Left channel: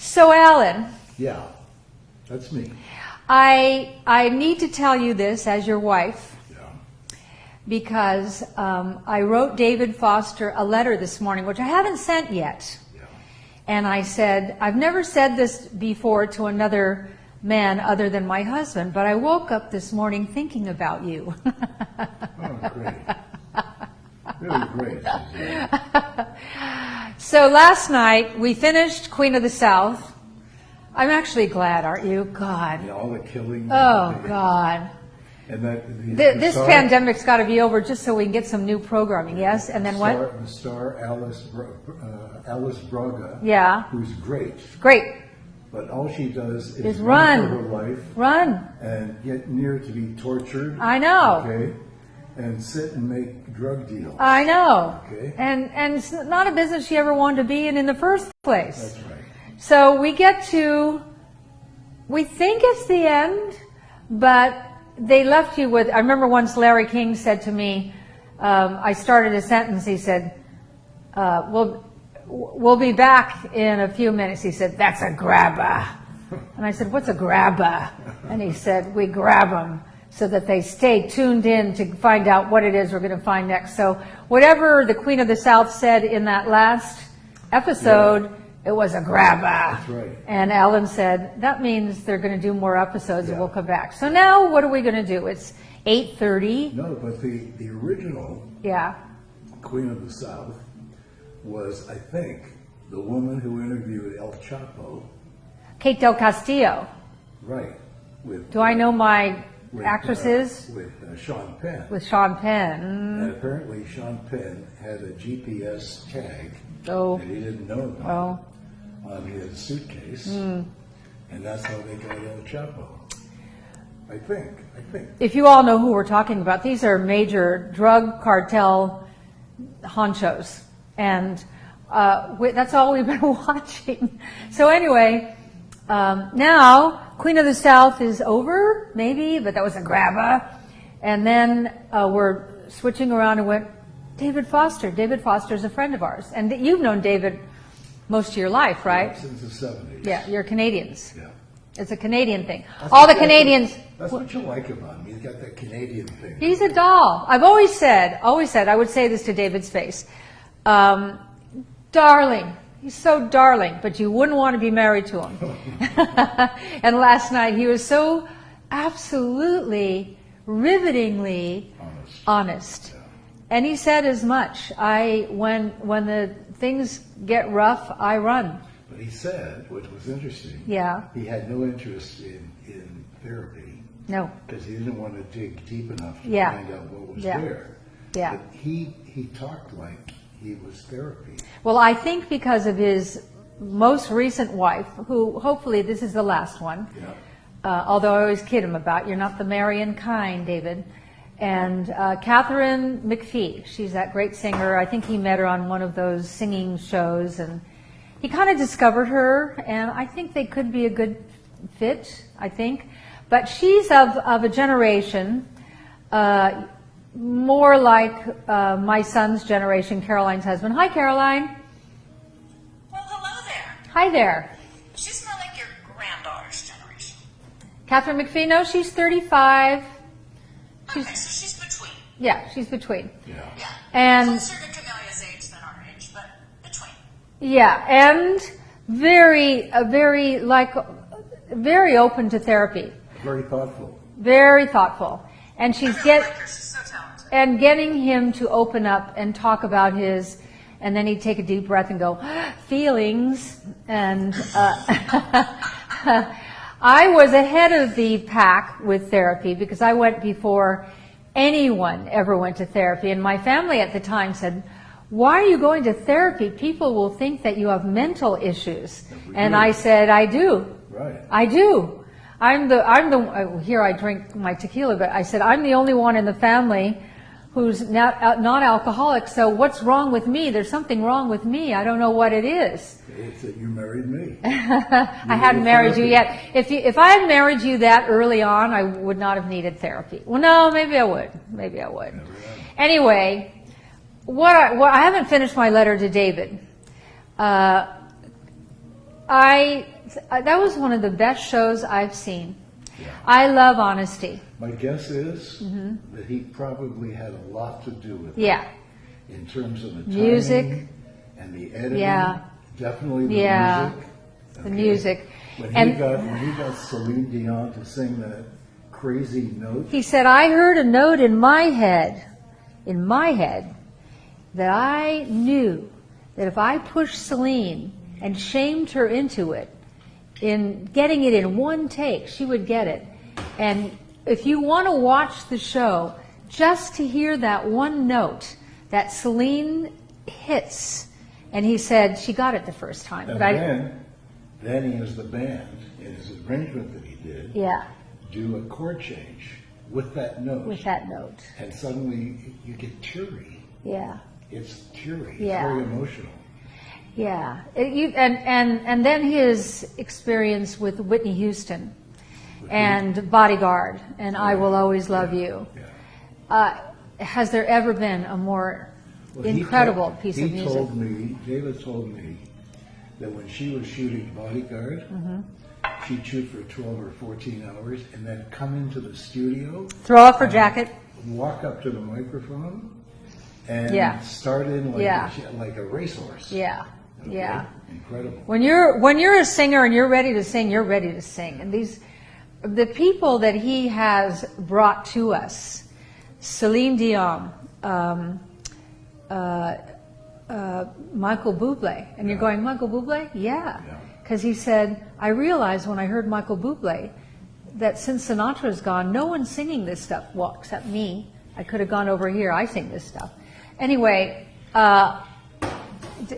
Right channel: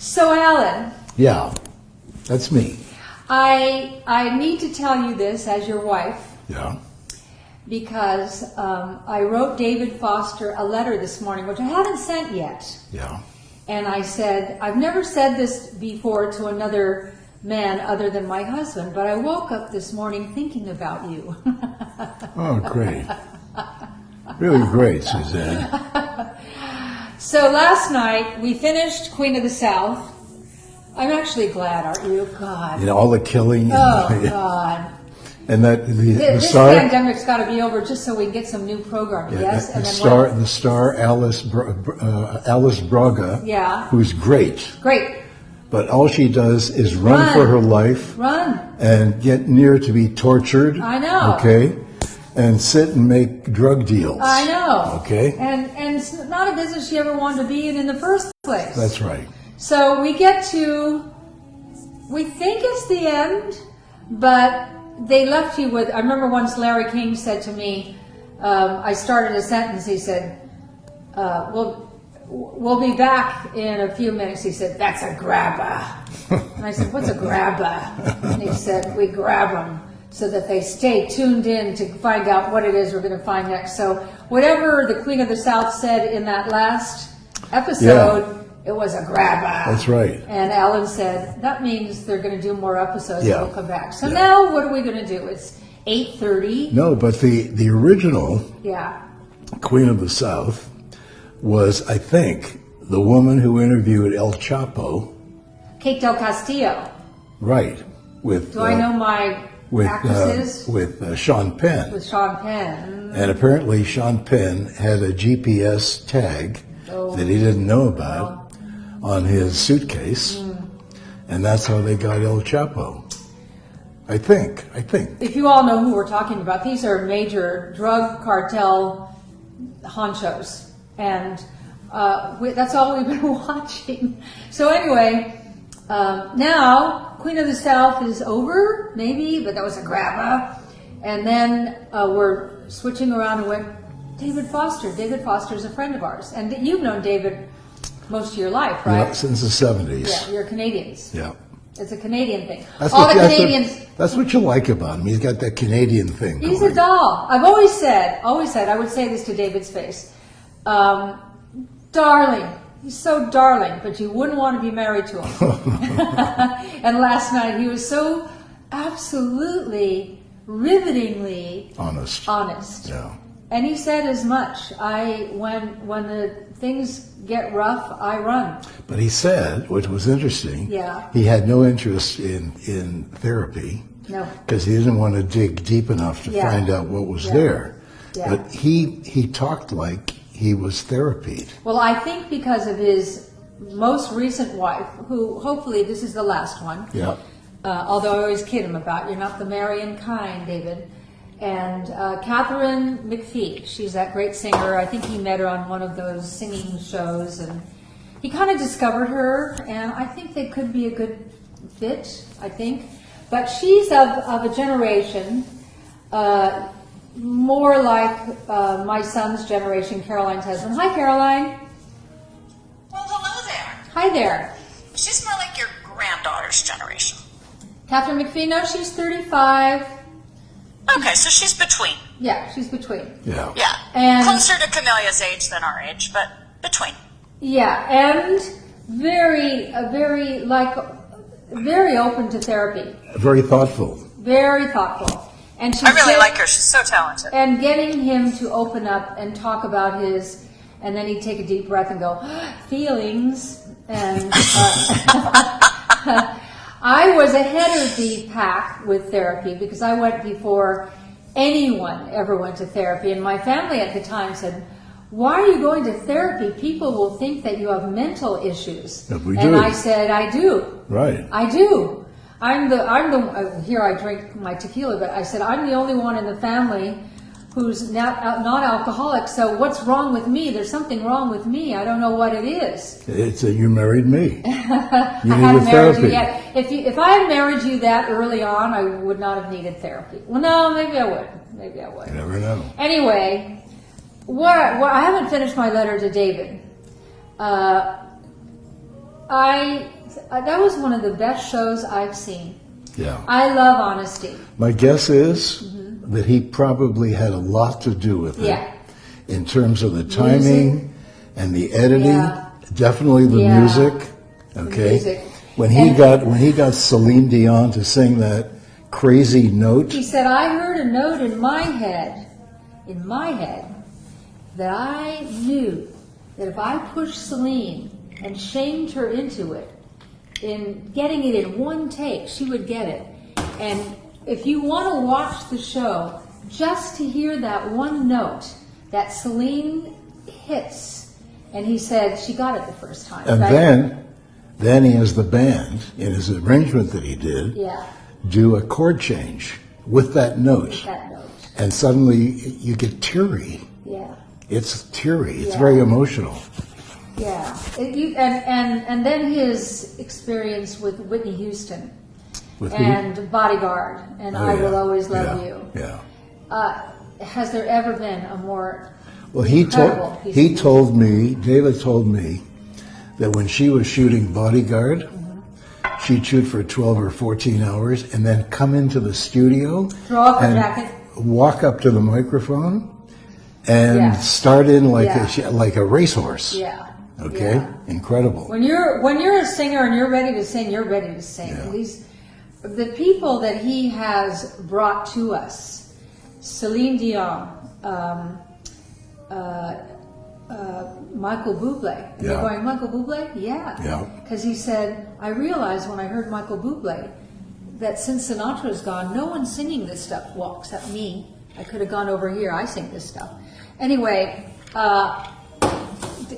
So, Alan. Yeah, that's me. I need to tell you this as your wife. Yeah. Because I wrote David Foster a letter this morning, which I haven't sent yet. Yeah. And I said, I've never said this before to another man other than my husband, but I woke up this morning thinking about you. Oh, great. Really great, Suzanne. So last night we finished Queen of the South. I'm actually glad, aren't you? God. You know, all the killing. Oh, God. And that This pandemic's got to be over just so we can get some new programming, yes? And then the star Alice Braga, yeah, who's great. Great. But all she does is run for her life. Run. And get near to be tortured. I know. Okay. And sit and make drug deals. I know. Okay. And it's not a business she ever wanted to be in the first place. That's right. So we get to, we think it's the end, but they left you with, I remember once Larry King said to me, I started a sentence, he said, we'll be back in a few minutes. He said, that's a grabber. And I said, what's a grabber? And he said, we grab them so that they stay tuned in to find out what it is we're going to find next. So whatever the Queen of the South said in that last episode, it was a grabber. That's right. And Ellen said, that means they're going to do more episodes and we'll come back. So Yeah. now what are we going to do? It's 8:30. No, but the original Queen of the South was, I think, the woman who interviewed El Chapo. Kate Del Castillo. Right. With Do I know my actresses? With Sean Penn. With Sean Penn. And apparently Sean Penn had a GPS tag that he didn't know about on his suitcase. And that's how they got El Chapo. I think. If you all know who we're talking about, these are major drug cartel honchos. And that's all we've been watching. So anyway, now Queen of the South is over, maybe, but that was a grabber. And then we're switching around and went, David Foster. David Foster's a friend of ours. And you've known David most of your life, right? Yeah, since the 70s. Yeah, you're Canadians. Yeah. It's a Canadian thing. Canadians. That's what you like about him. He's got that Canadian thing. He's going. a doll. I've always said, I would say this to David's face. Darling. He's so darling, but you wouldn't want to be married to him. And last night he was so absolutely, rivetingly honest. Yeah. And he said as much. When the things get rough, I run. But he said, which was interesting, Yeah. he had no interest in therapy. No. Because he didn't want to dig deep enough to find out what was there. Yeah. But he talked like he was therapied. Well, I think because of his most recent wife, who hopefully this is the last one. Yeah. Although I always kid him about, you're not the Marian kind, David. And Catherine McPhee, she's that great singer. I think he met her on one of those singing shows, and he kind of discovered her, and I think they could be a good fit, I think. But she's of a generation more like my son's generation, Caroline's husband. Hi, Caroline. Well, hello there. Hi there. She's more like your granddaughter's generation. Catherine McPhee, no, she's 35. Okay, so she's between. Yeah, she's between. Yeah. Yeah. And closer to Camelia's age than our age, but between. yeah, and very open to therapy. Very thoughtful. Very thoughtful. And she's I really like her. She's so talented. And getting him to open up and talk about his, and then he'd take a deep breath and go, feelings. And I was ahead of the pack with therapy because I went before anyone ever went to therapy. And my family at the time said, why are you going to therapy? People will think that you have mental issues. And I said, I do. Right. I do. Here I drink my tequila, but I said, I'm the only one in the family who's not alcoholic, so what's wrong with me? There's something wrong with me. I don't know what it is. It's that you married me. I haven't married you yet. If I had married you that early on, I would not have needed therapy. Well, no, maybe I would. You never know. Anyway, I haven't finished my letter to David. that was one of the best shows I've seen. Yeah. I love honesty. My guess is that he probably had a lot to do with it. Yeah. In terms of the timing Music. and the editing, Yeah. definitely the Yeah. music. Okay. The music. When he got Celine Dion to sing that crazy note. He said, I heard a note in my head, that I knew that if I pushed Celine and shamed her into it, in getting it in one take, she would get it. And if you want to watch the show, just to hear that one note that Celine hits, and he said she got it the first time. And right? then he has the band in his arrangement that he did Yeah, do a chord change with that note. with that note. And suddenly you get teary. Yeah. It's teary. It's Yeah. very emotional. Yeah, and then his experience with Whitney Houston With who? and Bodyguard and Oh, I yeah. Will Always Love Yeah. You. Yeah. Has there ever been a more Well, incredible piece of he music? told me, David told me, that when she was shooting Bodyguard, she'd shoot for 12 or 14 hours and then come into the studio, Throw off her and jacket. walk up to the microphone, and Yeah. start in like Yeah. like a racehorse. Yeah. Okay, Yeah. incredible. When you're a singer and you're ready to sing, you're ready to sing. Yeah. And the people that he has brought to us, Celine Dion, Michael Bublé. And you're Yeah. going, Michael Bublé? Yeah. Yeah. Because he said, I realized when I heard Michael Bublé that since Sinatra's gone, no one's singing this stuff, well, except me. I could have gone over here. I sing this stuff. Anyway,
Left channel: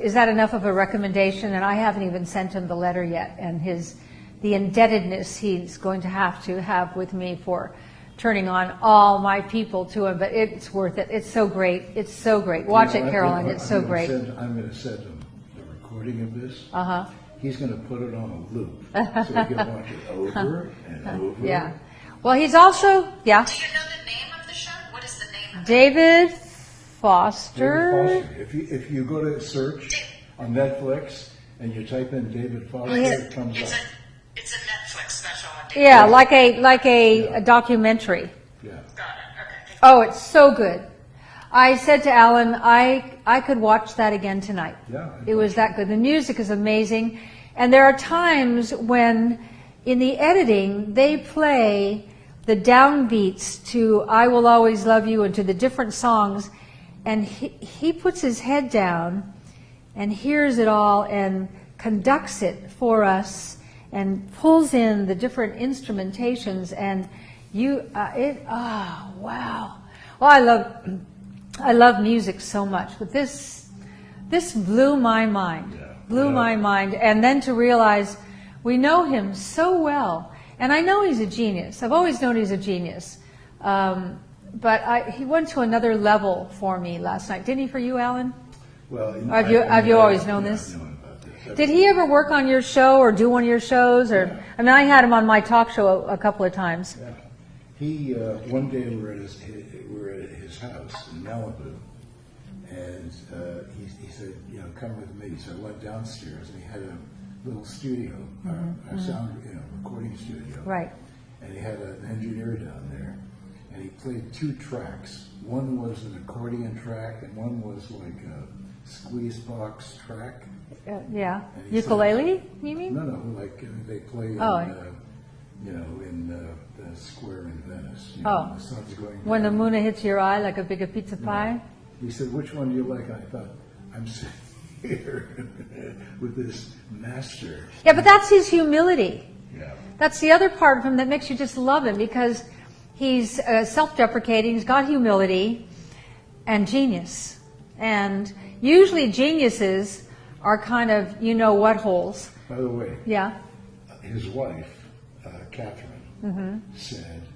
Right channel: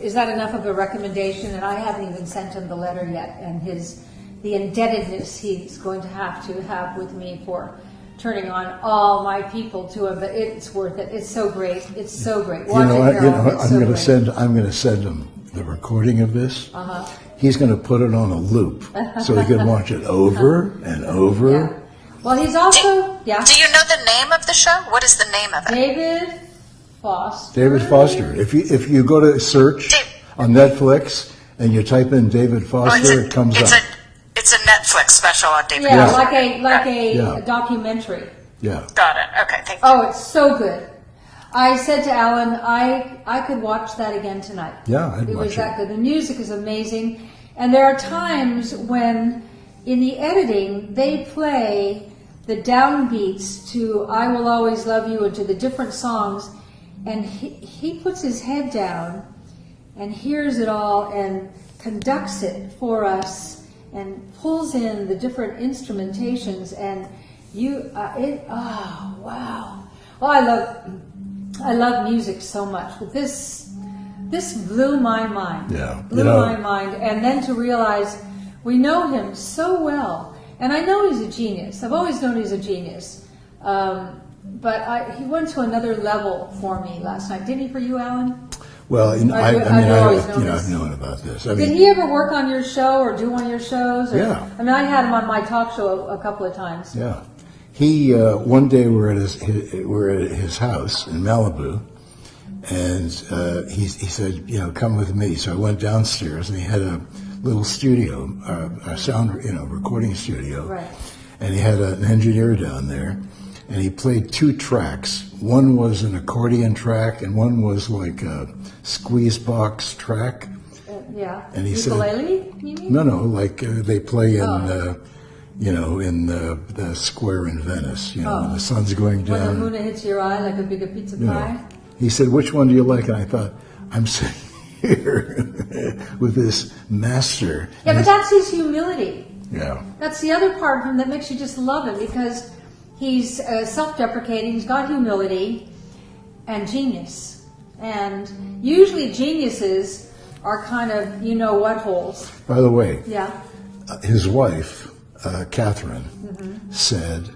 is that enough of a recommendation? And I haven't even sent him the letter yet, and the indebtedness he's going to have with me for turning on all my people to him. But it's worth it. It's so great. It's so great. Watch it, Carol. It's so great. I'm going to send him the recording of this. Uh-huh. He's going to put it on a loop so he can watch it over and over. Yeah. Well, he's also, yeah, Do you know the name of the show? What is the name of it? David Foster. David Foster. If you go to search Dave- on Netflix and you type in David Foster, it comes up. It's a Netflix special on David. Yeah, Foster. like a Yeah. documentary. Yeah. Got it. Okay, thank you. Oh, it's so good. I said to Alan, I could watch that again tonight. Yeah, I'd It was watch that it. good. The music is amazing. And there are times when, in the editing, they play the downbeats to I Will Always Love You and to the different songs, and he puts his head down and hears it all and conducts it for us and pulls in the different instrumentations, and oh wow. Well, I love music so much, but this blew my mind. Yeah. Blew my mind. And then to realize we know him so well. And I know he's a genius. I've always known he's a genius. But he went to another level for me last night. Did he for you, Alan? Well, Have you always known I've this? known about this. Did he ever work on your show or do one of your shows? Or, Yeah. I mean, I had him on my talk show a couple of times. Yeah. He one day we're at his house in Malibu, and he said, come with me. So I went downstairs, and he had a little studio, a sound, recording studio. Right. And he had an engineer down there, and he played two tracks. One was an accordion track, and one was like a squeeze box track. Yeah. And he said- Ukulele, you mean? No, like they play in, Oh. in the square in Venice, when the sun's going down. When the moon hits your eye like a big pizza pie? He said, which one do you like? And I thought, I'm sitting here with this master. Yeah, but that's his humility. Yeah. That's the other part of him that makes you just love him, because he's self-deprecating, he's got humility and genius. And usually geniuses are kind of what holes. By the way, Yeah. his wife, Catherine, said,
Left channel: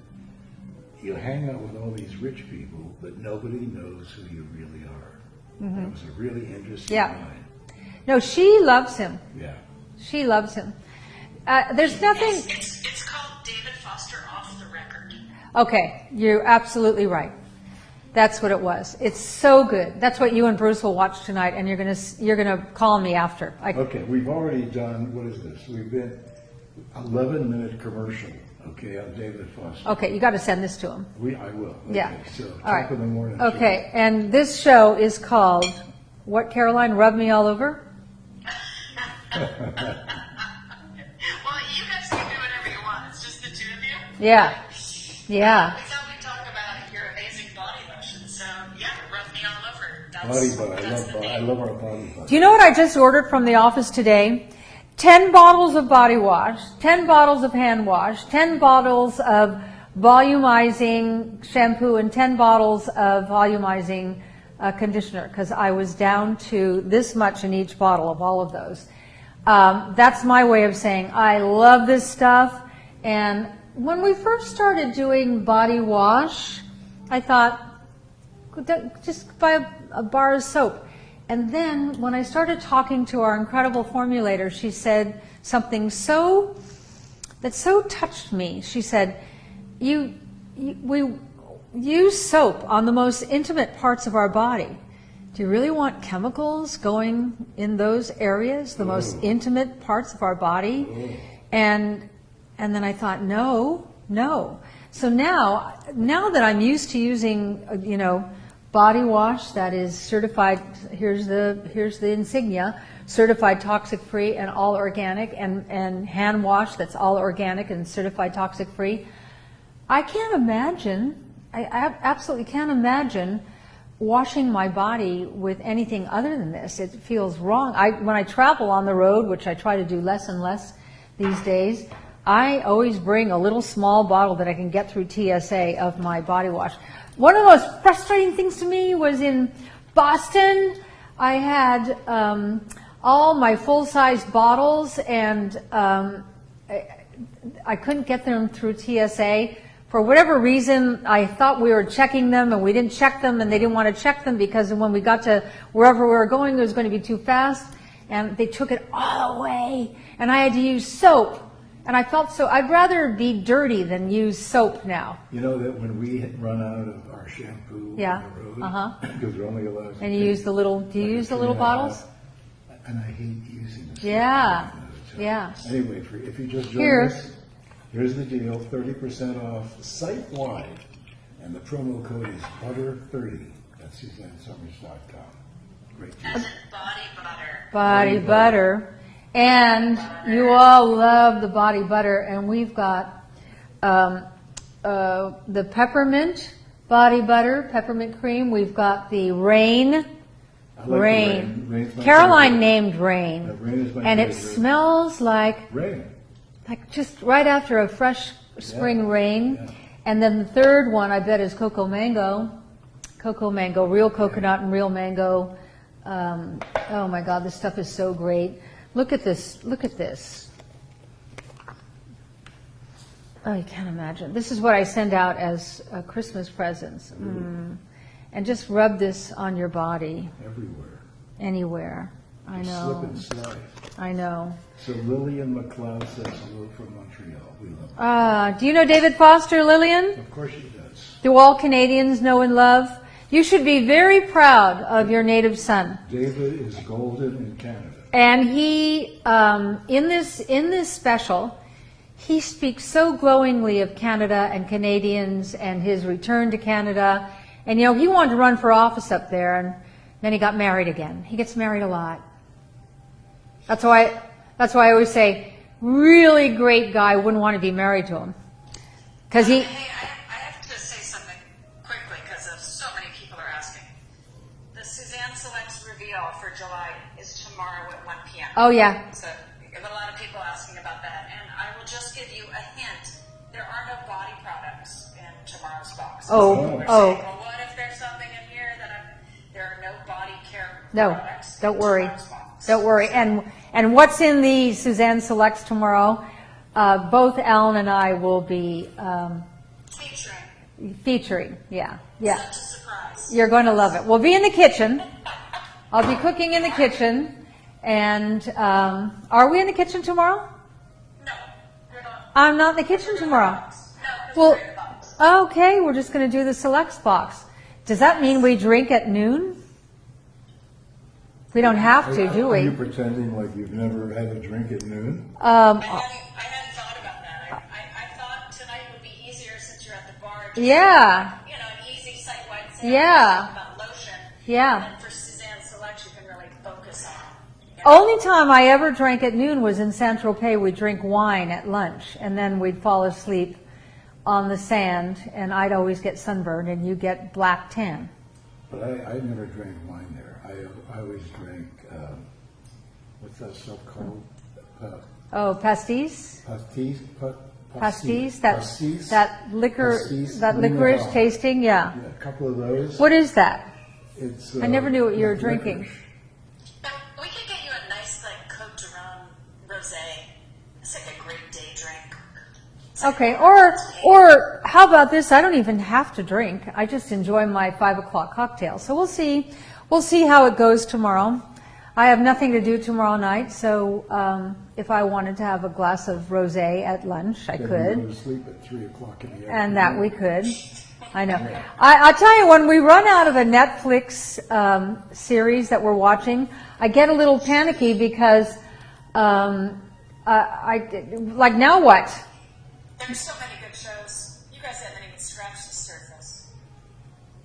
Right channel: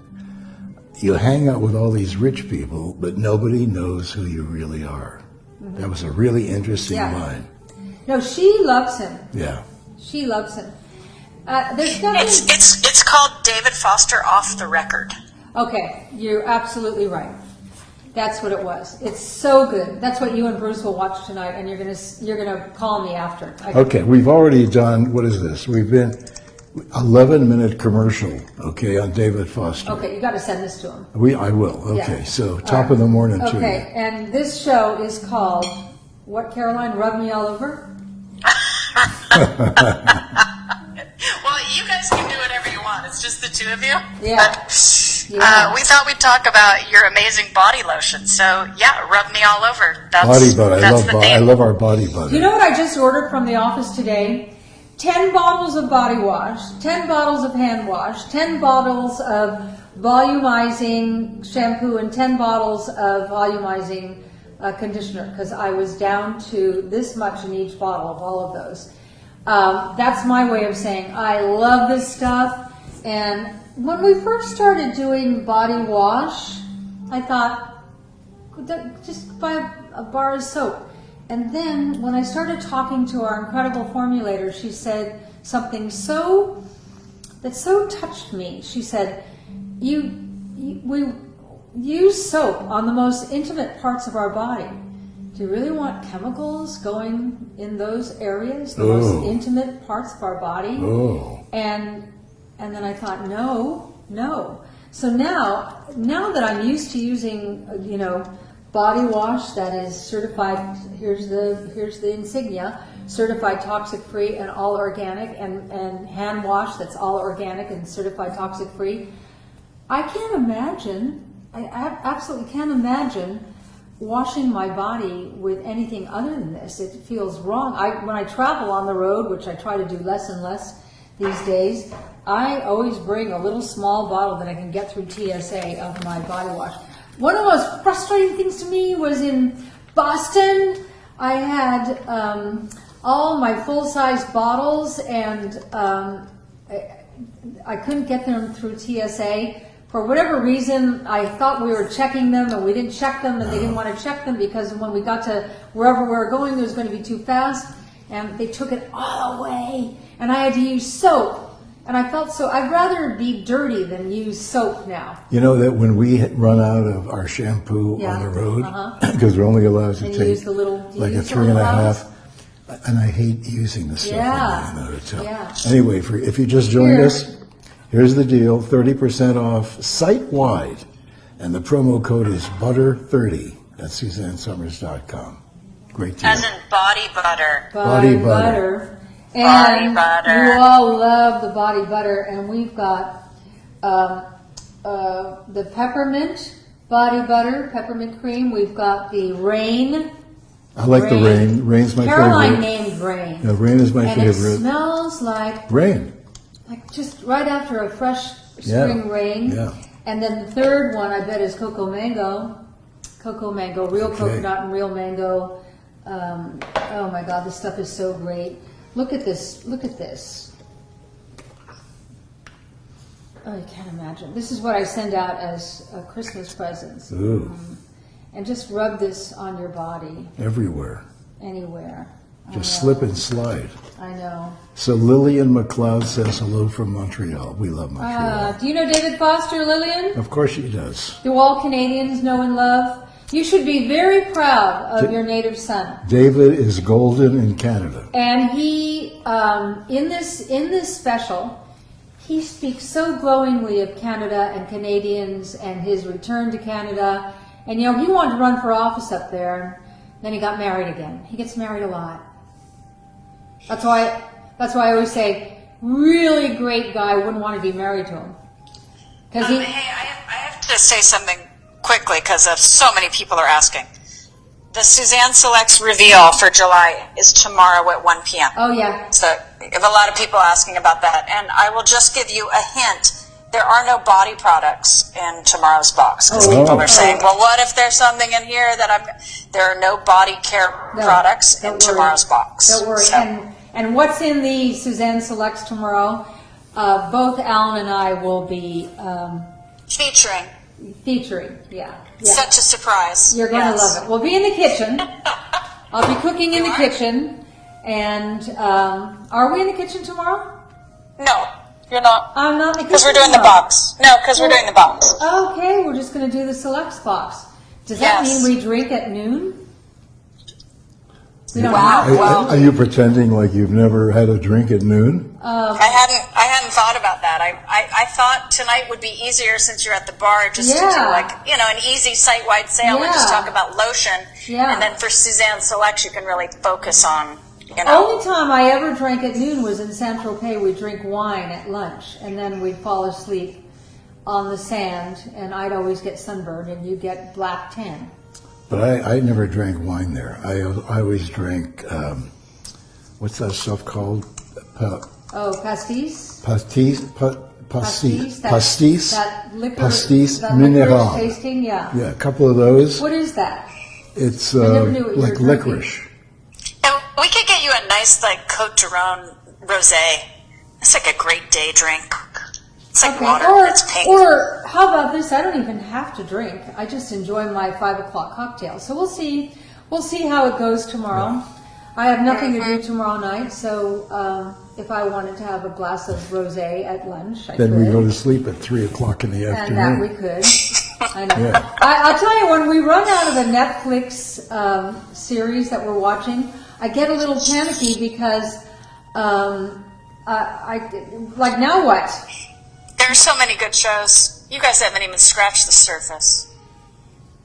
you hang out with all these rich people, but nobody knows who you really are. That was a really interesting Yeah. line. No, she loves him. Yeah. She loves him. There's nothing. It's called David Foster Off the Record. Okay, you're absolutely right. That's what it was. It's so good. That's what you and Bruce will watch tonight, and you're gonna call me after. Okay, we've already done, what is this? We've been 11-minute commercial, okay, on David Foster. Okay, you got to send this to him. I will, okay, Yeah. so top of the morning to you. Okay, and this show is called, what, Caroline? Rub Me All Over? Well, you guys can do whatever you want. It's just the two of you. Yeah. But, Yeah. we thought we'd talk about your amazing body lotion. So, yeah, rub me all over. Body butter, That's I love our body butter. Do you know what I just ordered from the office today? 10 bottles of body wash, 10 bottles of hand wash, 10 bottles of volumizing shampoo, and 10 bottles of volumizing conditioner, because I was down to this much in each bottle of all of those. That's my way of saying I love this stuff. And when we first started doing body wash, I thought, just buy a bar of soap. And then when I started talking to our incredible formulator, she said something that so touched me. She said, we use soap on the most intimate parts of our body. Do you really want chemicals going in those areas, the most intimate parts of our body? And then I thought, no. So now that I'm used to using, body wash that is certified, here's the insignia, certified toxic free and all organic, and hand wash that's all organic and certified toxic free. I absolutely can't imagine washing my body with anything other than this. It feels wrong. When I travel on the road, which I try to do less and less these days, I always bring a little small bottle that I can get through TSA of my body wash. One of the most frustrating things to me was in Boston. I had all my full-size bottles, and I couldn't get them through TSA. For whatever reason, I thought we were checking them, and we didn't check them, and they didn't want to check them because when we got to wherever we were going, it was going to be too fast, and they took it all away, and I had to use soap. And I felt I'd rather be dirty than use soap now. You know that when we run out of our shampoo on the road, because we're only allowed to take use the little, like a 3.5, and I hate using the stuff. Yeah. Anyway, if you just joined us, here's the deal: 30% off site-wide, and the promo code is butter30 at SuzanneSummers.com. Great deal. As in body butter. Body butter. And you all love the body butter, and we've got the peppermint body butter, peppermint cream. We've got the Rain. I like the Rain. Rain's my favorite. Caroline named Rain. No, Rain is my favorite. And it smells like Rain. Like just right after a fresh spring rain. Yeah. And then the third one, I bet, is Cocoa Mango. Cocoa Mango, real coconut and real mango. Oh my God, this stuff is so great. Look at this. Look at this. Oh, you can't imagine. This is what I send out as Christmas presents. And just rub this on your body. Everywhere. Anywhere. Just slip and slide. I know. So Lillian McLeod says hello from Montreal. We love Montreal. Do you know David Foster, Lillian? Of course she does. Do all Canadians know and love? You should be very proud of your native son. David is golden in Canada. And he, in this special, he speaks so glowingly of Canada and Canadians and his return to Canada. And, he wanted to run for office up there, and then he got married again. He gets married a lot. That's why I always say, really great guy wouldn't want to be married to him. Because Hey, I have to say something quickly because so many people are asking. The Suzanne Selects reveal for July is tomorrow at 1 p.m. Oh, yeah. So we have a lot of people asking about that. And I will just give you a hint. There are no body products in tomorrow's box because people are saying, well, what if there's something in here that there are no body care products in tomorrow's box. Don't worry. So. And what's in the Suzanne Selects tomorrow? Both Alan and I will be featuring. Yeah. Such a surprise. You're going to love it. We'll be in the kitchen. I'll be cooking in the kitchen. And are we in the kitchen tomorrow? No, you're not. I'm not in the kitchen because we're doing tomorrow. the box. No, because we're doing the box. Okay, we're just going to do the Selects box. Does that Yes. mean we drink at noon? We don't Wow. have to. Are you pretending like you've never had a drink at noon? I hadn't thought about that. I thought tonight would be easier since you're at the bar, just to do Yeah. an easy site-wide sale and Yeah. just talk about lotion. Yeah. And then for Suzanne Selects, you can really focus on, Only time I ever drank at noon was in San Tropez. We'd drink wine at lunch, and then we'd fall asleep on the sand, and I'd always get sunburned, and you get black tan. But I never drank wine there. I always drank, what's that stuff called? Oh, pastis? Pastis? Pastis? Pastis? That liquor, Pastis that mineral. licorice tasting, yeah. Yeah, a couple of those. What is that? It's never knew what you were like drinking. licorice. And we could get you a nice, Cote de Rhone rosé. It's like a great day drink. It's like Okay, water or that's pink. how about this? I don't even have to drink. I just enjoy my 5 o'clock cocktail. So we'll see. We'll see how it goes tomorrow. I have nothing to do tomorrow night, so if I wanted to have a glass of rosé at lunch, I Then could. we go to sleep at 3 o'clock in the afternoon. And that we could. I know. Yeah. I'll tell you, when we run out of the Netflix series that we're watching, I get a little panicky because, like, now what? There are so many good shows. You guys haven't even scratched the surface.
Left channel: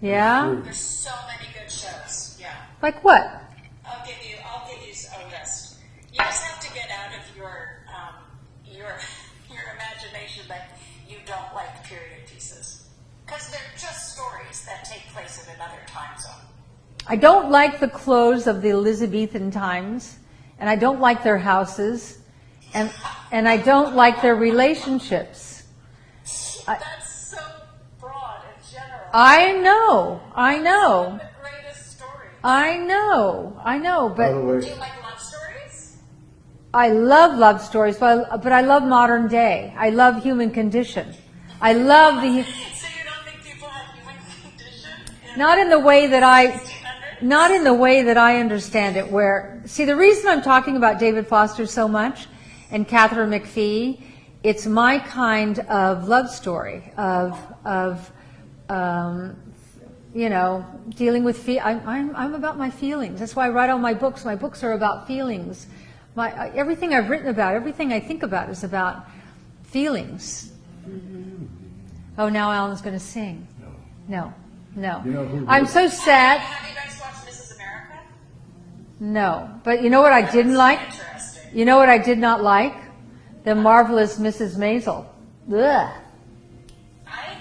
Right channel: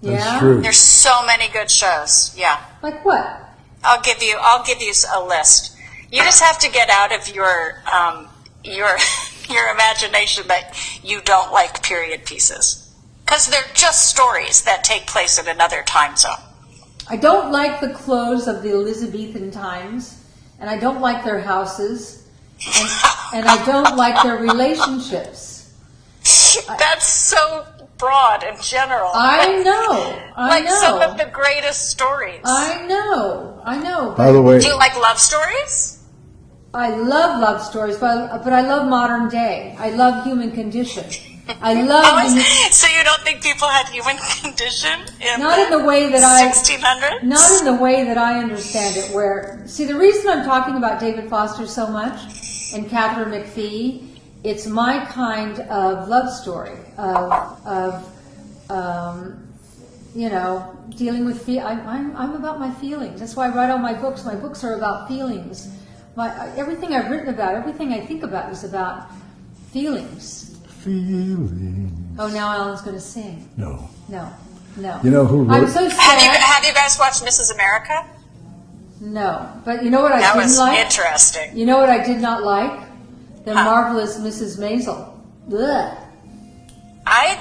Yeah. That's true. There's so many good shows. Yeah. Like what? I'll give you a list. You just have to get out of your imagination that you don't like period pieces, because they're just stories that take place in another time zone. I don't like the clothes of the Elizabethan times, and I don't like their houses, and I don't like their relationships. That's so broad and general. I know. like some of the greatest stories. I know. By the way, Do you like love stories? I love love stories, but I love modern day. I love human condition. I love So you don't think people had human condition not in the way that I 1600s? not in the way that I understand it. Where see, the reason I'm talking about David Foster so much and Catherine McPhee, it's my kind of love story of dealing with I'm about my feelings. That's why I write all my books. My books are about feelings. Everything I've written about, everything I think about is about feelings. Oh, now Alan's going to sing. no. No. You know who I'm wrote- so sad. Have you guys watched Mrs. America? No, but you know what I That didn't was like? interesting. You know what I did not like? The Marvelous Mrs. Maisel. Ugh. I've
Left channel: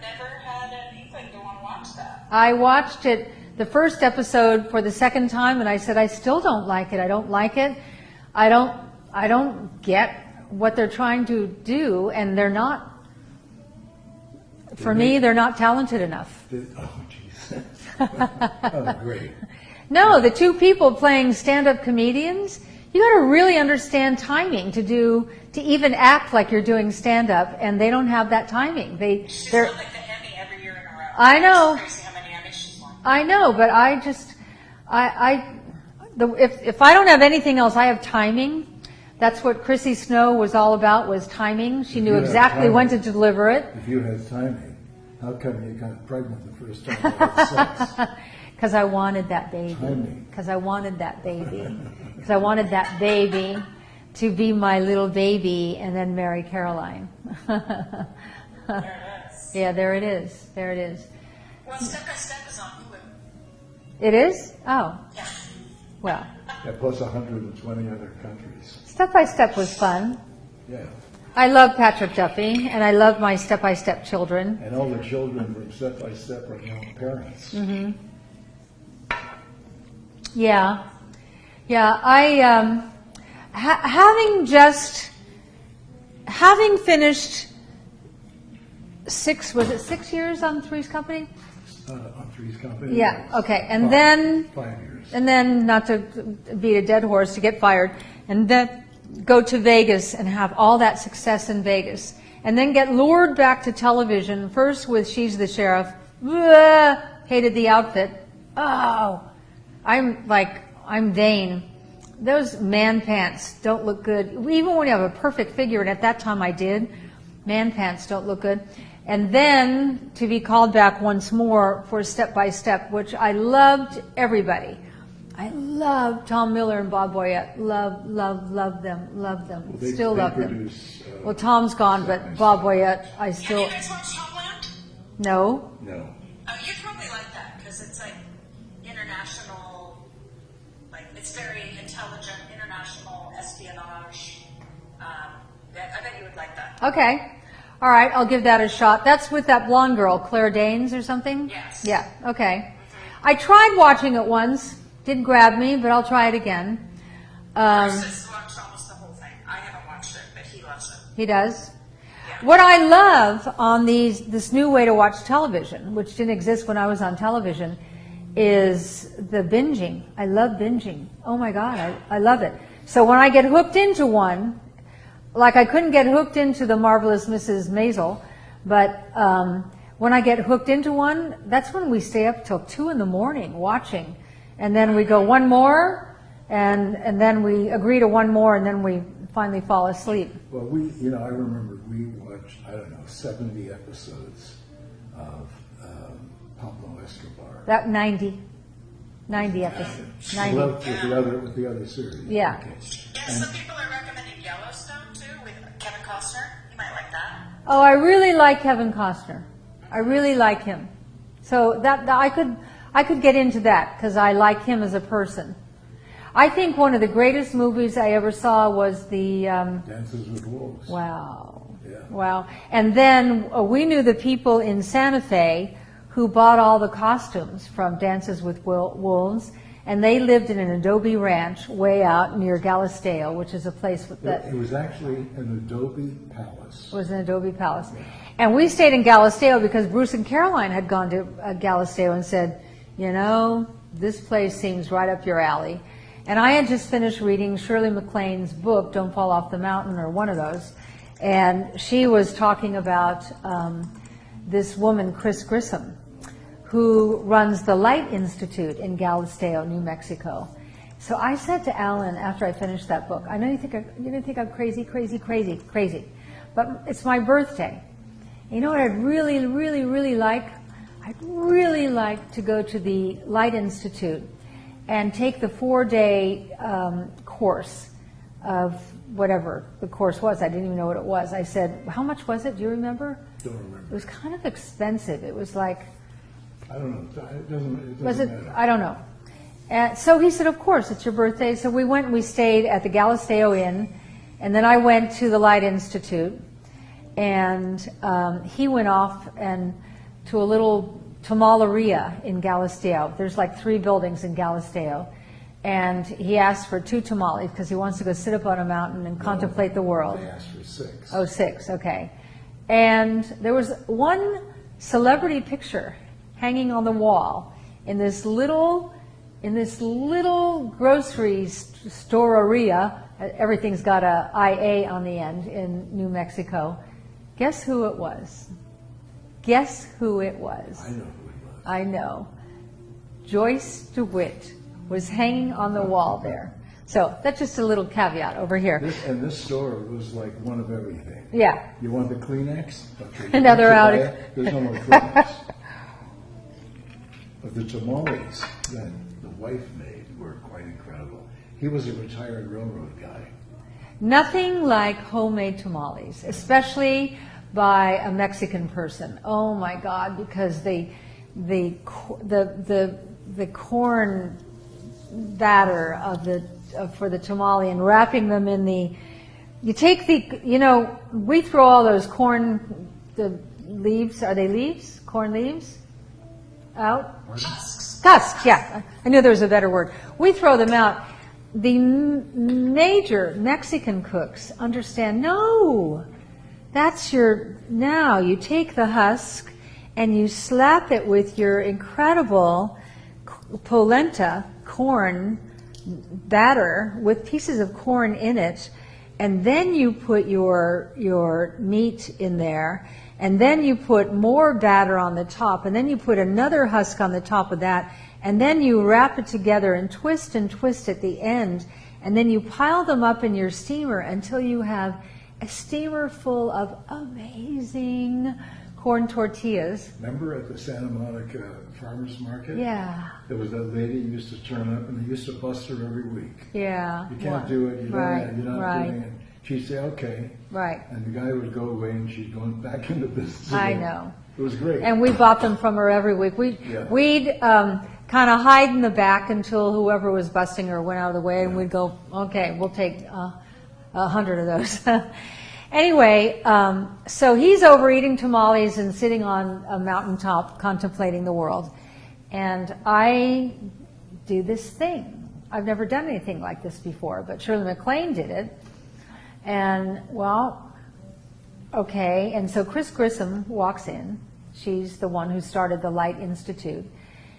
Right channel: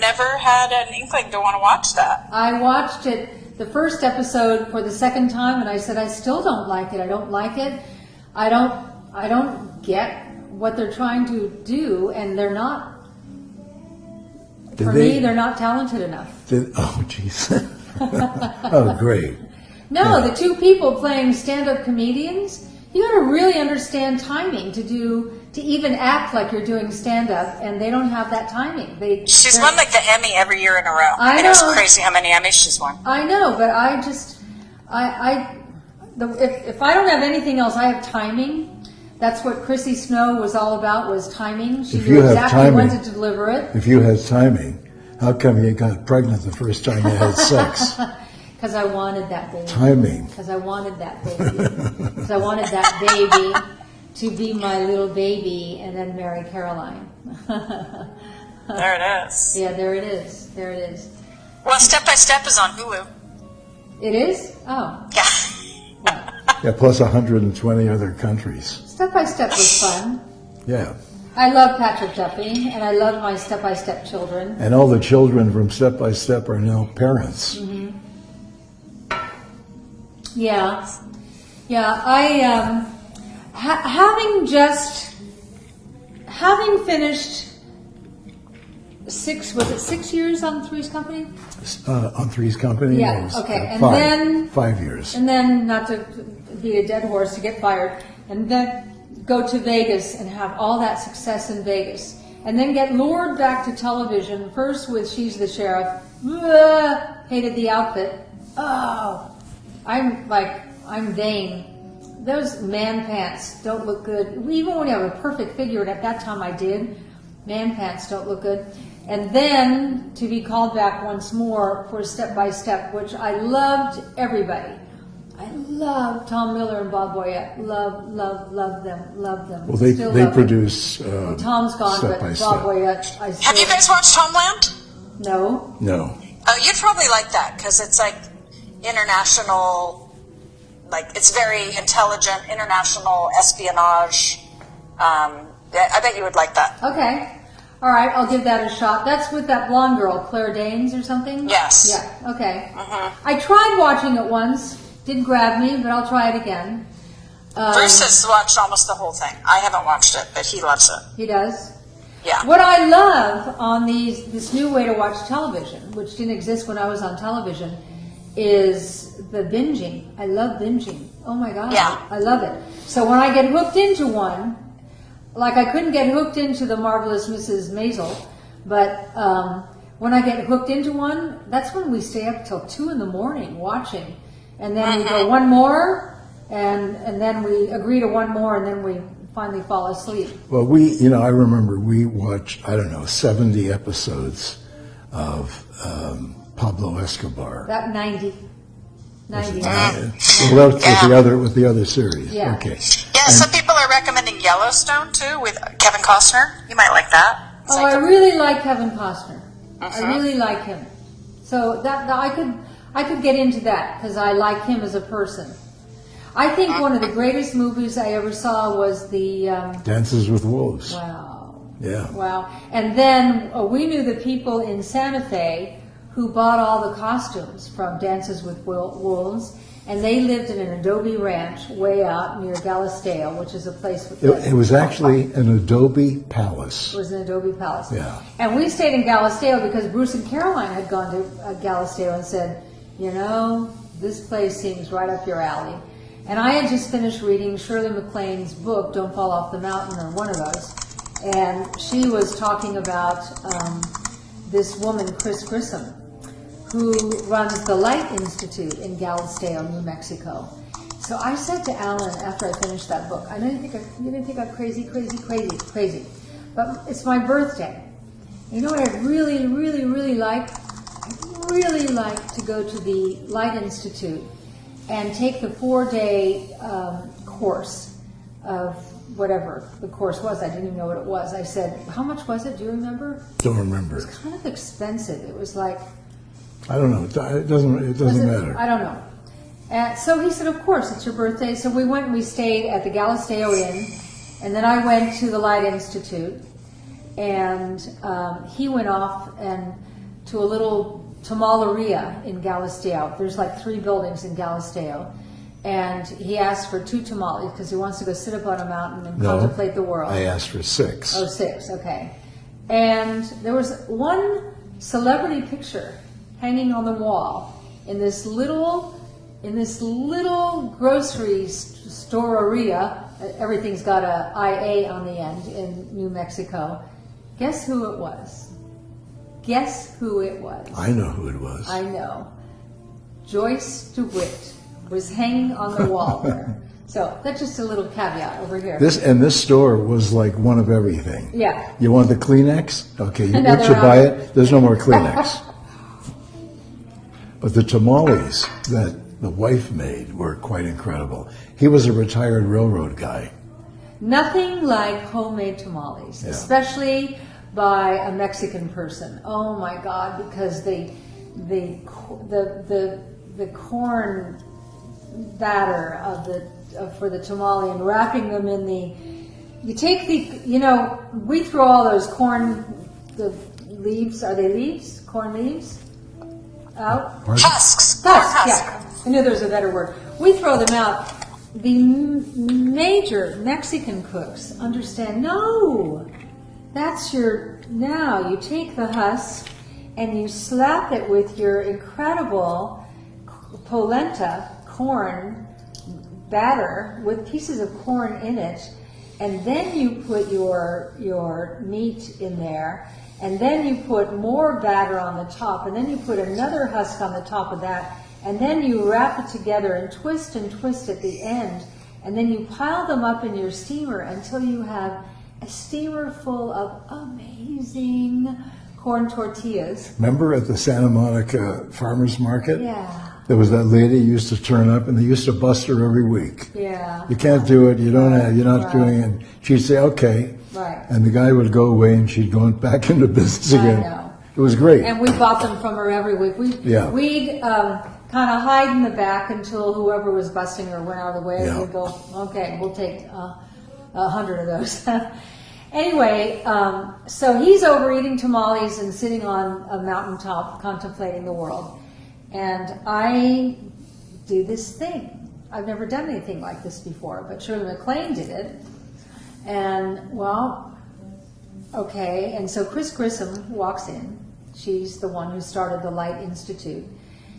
never had an inkling to want to watch that. I watched it, the first episode, for the second time, and I said, I still don't like it. I don't like it. I don't get what they're trying to do, and they're not. For me, they're not talented enough. Oh, jeez. Oh, great. No, Yeah. the two people playing stand-up comedians, you got to really understand timing to even act like you're doing stand-up, and they don't have that timing. She's they're- won like the Emmy every year in a row. I know. It's crazy how many Emmys she's won. I know, but if I don't have anything else, I have timing. That's what Chrissy Snow was all about, was timing. She If knew you have exactly when timing- to deliver it. If you had timing, how come you got pregnant the first time you had sex? Because I wanted that baby. Timing. Because I wanted that baby. Because I wanted that baby to be my little baby and then marry Caroline. There it is. Yeah, there it is. There it is. Well, Step by Step is on Hulu. It is? Oh, Yeah. well. Yeah, plus 120 other countries. Step by Step was fun. Yeah. I love Patrick Duffy, and I love my Step by Step children. And all the children from Step by Step are now parents. Mm-hmm. Yeah. I having finished 6 years on Three's Company? On Three's Company? Yeah, it was, okay, and five, then- 5 years. And then, not to beat a dead horse, to get fired, and then go to Vegas and have all that success in Vegas, and then get lured back to television, first with She's the Sheriff, hated the outfit, I'm vain. Those man pants don't look good, even when you have a perfect figure, and at that time I did, man pants don't look good. and then to be called back once more for Step by Step, which I loved everybody. I love Tom Miller and Bob Boyette. Love them. Well, they Still love produce. well, Tom's gone, Step but by Bob Step. Boyette, I still. Have you guys watched Homeland? No. No. Oh, you'd probably like that because it's like international, like it's very intelligent, international espionage. I bet you would like that. Okay. All right, I'll give that a shot. That's with that blonde girl, Claire Danes or something? Yes. Yeah, okay. I tried watching it once. Didn't grab me, but I'll try it again. Bruce has watched almost the whole thing. I haven't watched it, but he loves it. He does? Yeah. What I love on this new way to watch television, which didn't exist when I was on television, is the binging. I love binging. Oh my God. Yeah. I love it. So when I get hooked into one, like I couldn't get hooked into the Marvelous Mrs. Maisel, but when I get hooked into one, that's when we stay up till 2 a.m. watching. And then we go one more, and then we agree to one more, and then we finally fall asleep. Well, I remember we watched, 70 episodes of Pablo Escobar. That 90. 90. Well, with the other series. Yeah. Okay. Yeah, some people are recommending Yellowstone too with Kevin Costner. You might like that. It's Oh, like- I really like Kevin Costner. I really like him. So that I could get into that because I like him as a person. I think one of the greatest movies I ever saw was the Dances with Wolves. wow. Yeah. Wow. And then we knew the people in Santa Fe who bought all the costumes from Dances with Wolves, and they lived in an adobe ranch way out near Galisteo, which is a place. It was actually an adobe palace. It was an adobe palace. Yeah. And we stayed in Galisteo because Bruce and Caroline had gone to Galisteo and said, this place seems right up your alley. And I had just finished reading Shirley MacLaine's book, Don't Fall Off the Mountain, or one of those. And she was talking about this woman, Chris Grissom, who runs the Light Institute in Galisteo, New Mexico. So I said to Alan after I finished that book, I know you're going to think I'm crazy, but it's my birthday. You know what I'd really, really, really like? I'd really like to go to the Light Institute and take the 4-day course of whatever the course was. I didn't even know what it was. I said, how much was it? Do you remember? Don't remember. It was kind of expensive. It was like... I don't know. It doesn't matter. I don't know. And so he said, of course, it's your birthday. So we went and we stayed at the Galisteo Inn, and then I went to the Light Institute, and he went off and to a little tamaleria in Galisteo. There's like 3 buildings in Galisteo. And he asked for 2 tamales because he wants to go sit up on a mountain and contemplate the world. I asked for 6. Oh, 6, okay. And there was one celebrity picture hanging on the wall in this little grocery store-aria. Everything's got a IA on the end in New Mexico. Guess who it was? Guess who it was? I know who it was. I know. Joyce DeWitt was hanging on the wall there. So that's just a little caveat over here. This store was like one of everything. Yeah. You want the Kleenex? Okay, once Another you buy outing. it, there's no more Kleenex. But the tamales that the wife made were quite incredible. He was a retired railroad guy. Nothing like homemade tamales, especially by a Mexican person. Oh my God! Because the corn batter for the tamale and wrapping them in we throw all those the leaves. Are they leaves? Corn leaves out. Husks. Husks, yeah. I knew there was a better word. We throw them out. The major Mexican cooks understand, no, now you take the husk and you slap it with your incredible polenta corn batter with pieces of corn in it, and then you put your meat in there, and then you put more batter on the top, and then you put another husk on the top of that, and then you wrap it together and twist at the end, and then you pile them up in your steamer until you have a steamer full of amazing corn tortillas. Remember at the Santa Monica Farmers Market? Yeah. There was that lady who used to turn up, and they used to bust her every week. Yeah. You can't do it. You don't Right, have. You're not right. doing it. She'd say, "Okay," Right. and the guy would go away, and she'd go back into business I again. know. It was great. And we bought them from her every week. We'd kind of hide in the back until whoever was busting her went out of the way, and Yeah. we'd go, okay, we'll take 100 of those. Anyway, so he's over eating tamales and sitting on a mountaintop contemplating the world. And I do this thing. I've never done anything like this before, but Shirley MacLaine did it. And, well, okay. And so Chris Grissom walks in. She's the one who started the Light Institute.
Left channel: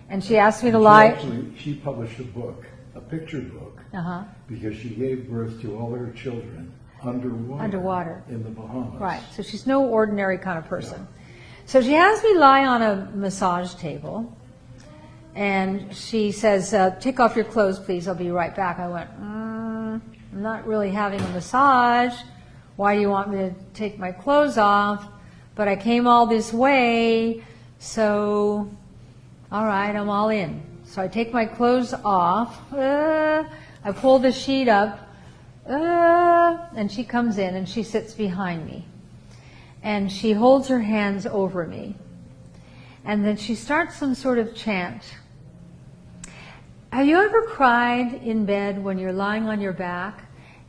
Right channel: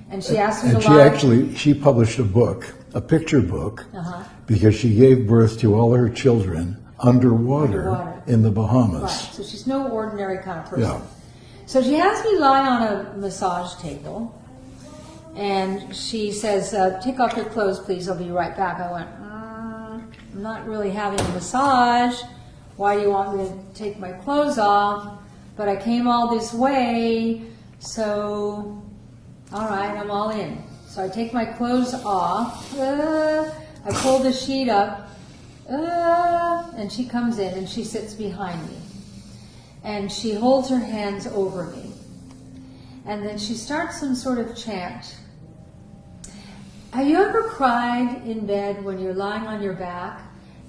And she asked me to lie. She published a book, a picture book, Uh-huh. because she gave birth to all her children underwater. In the Bahamas. Right. So she's no ordinary kind of person. Yeah. So she has me lie on a massage table. And she says, take off your clothes, please. I'll be right back. I went, I'm not really having a massage. Why do you want me to take my clothes off? But I came all this way, so all right, I'm all in. So I take my clothes off. I pull the sheet up, and she comes in and she sits behind me. And she holds her hands over me. And then she starts some sort of chant. Have you ever cried in bed when you're lying on your back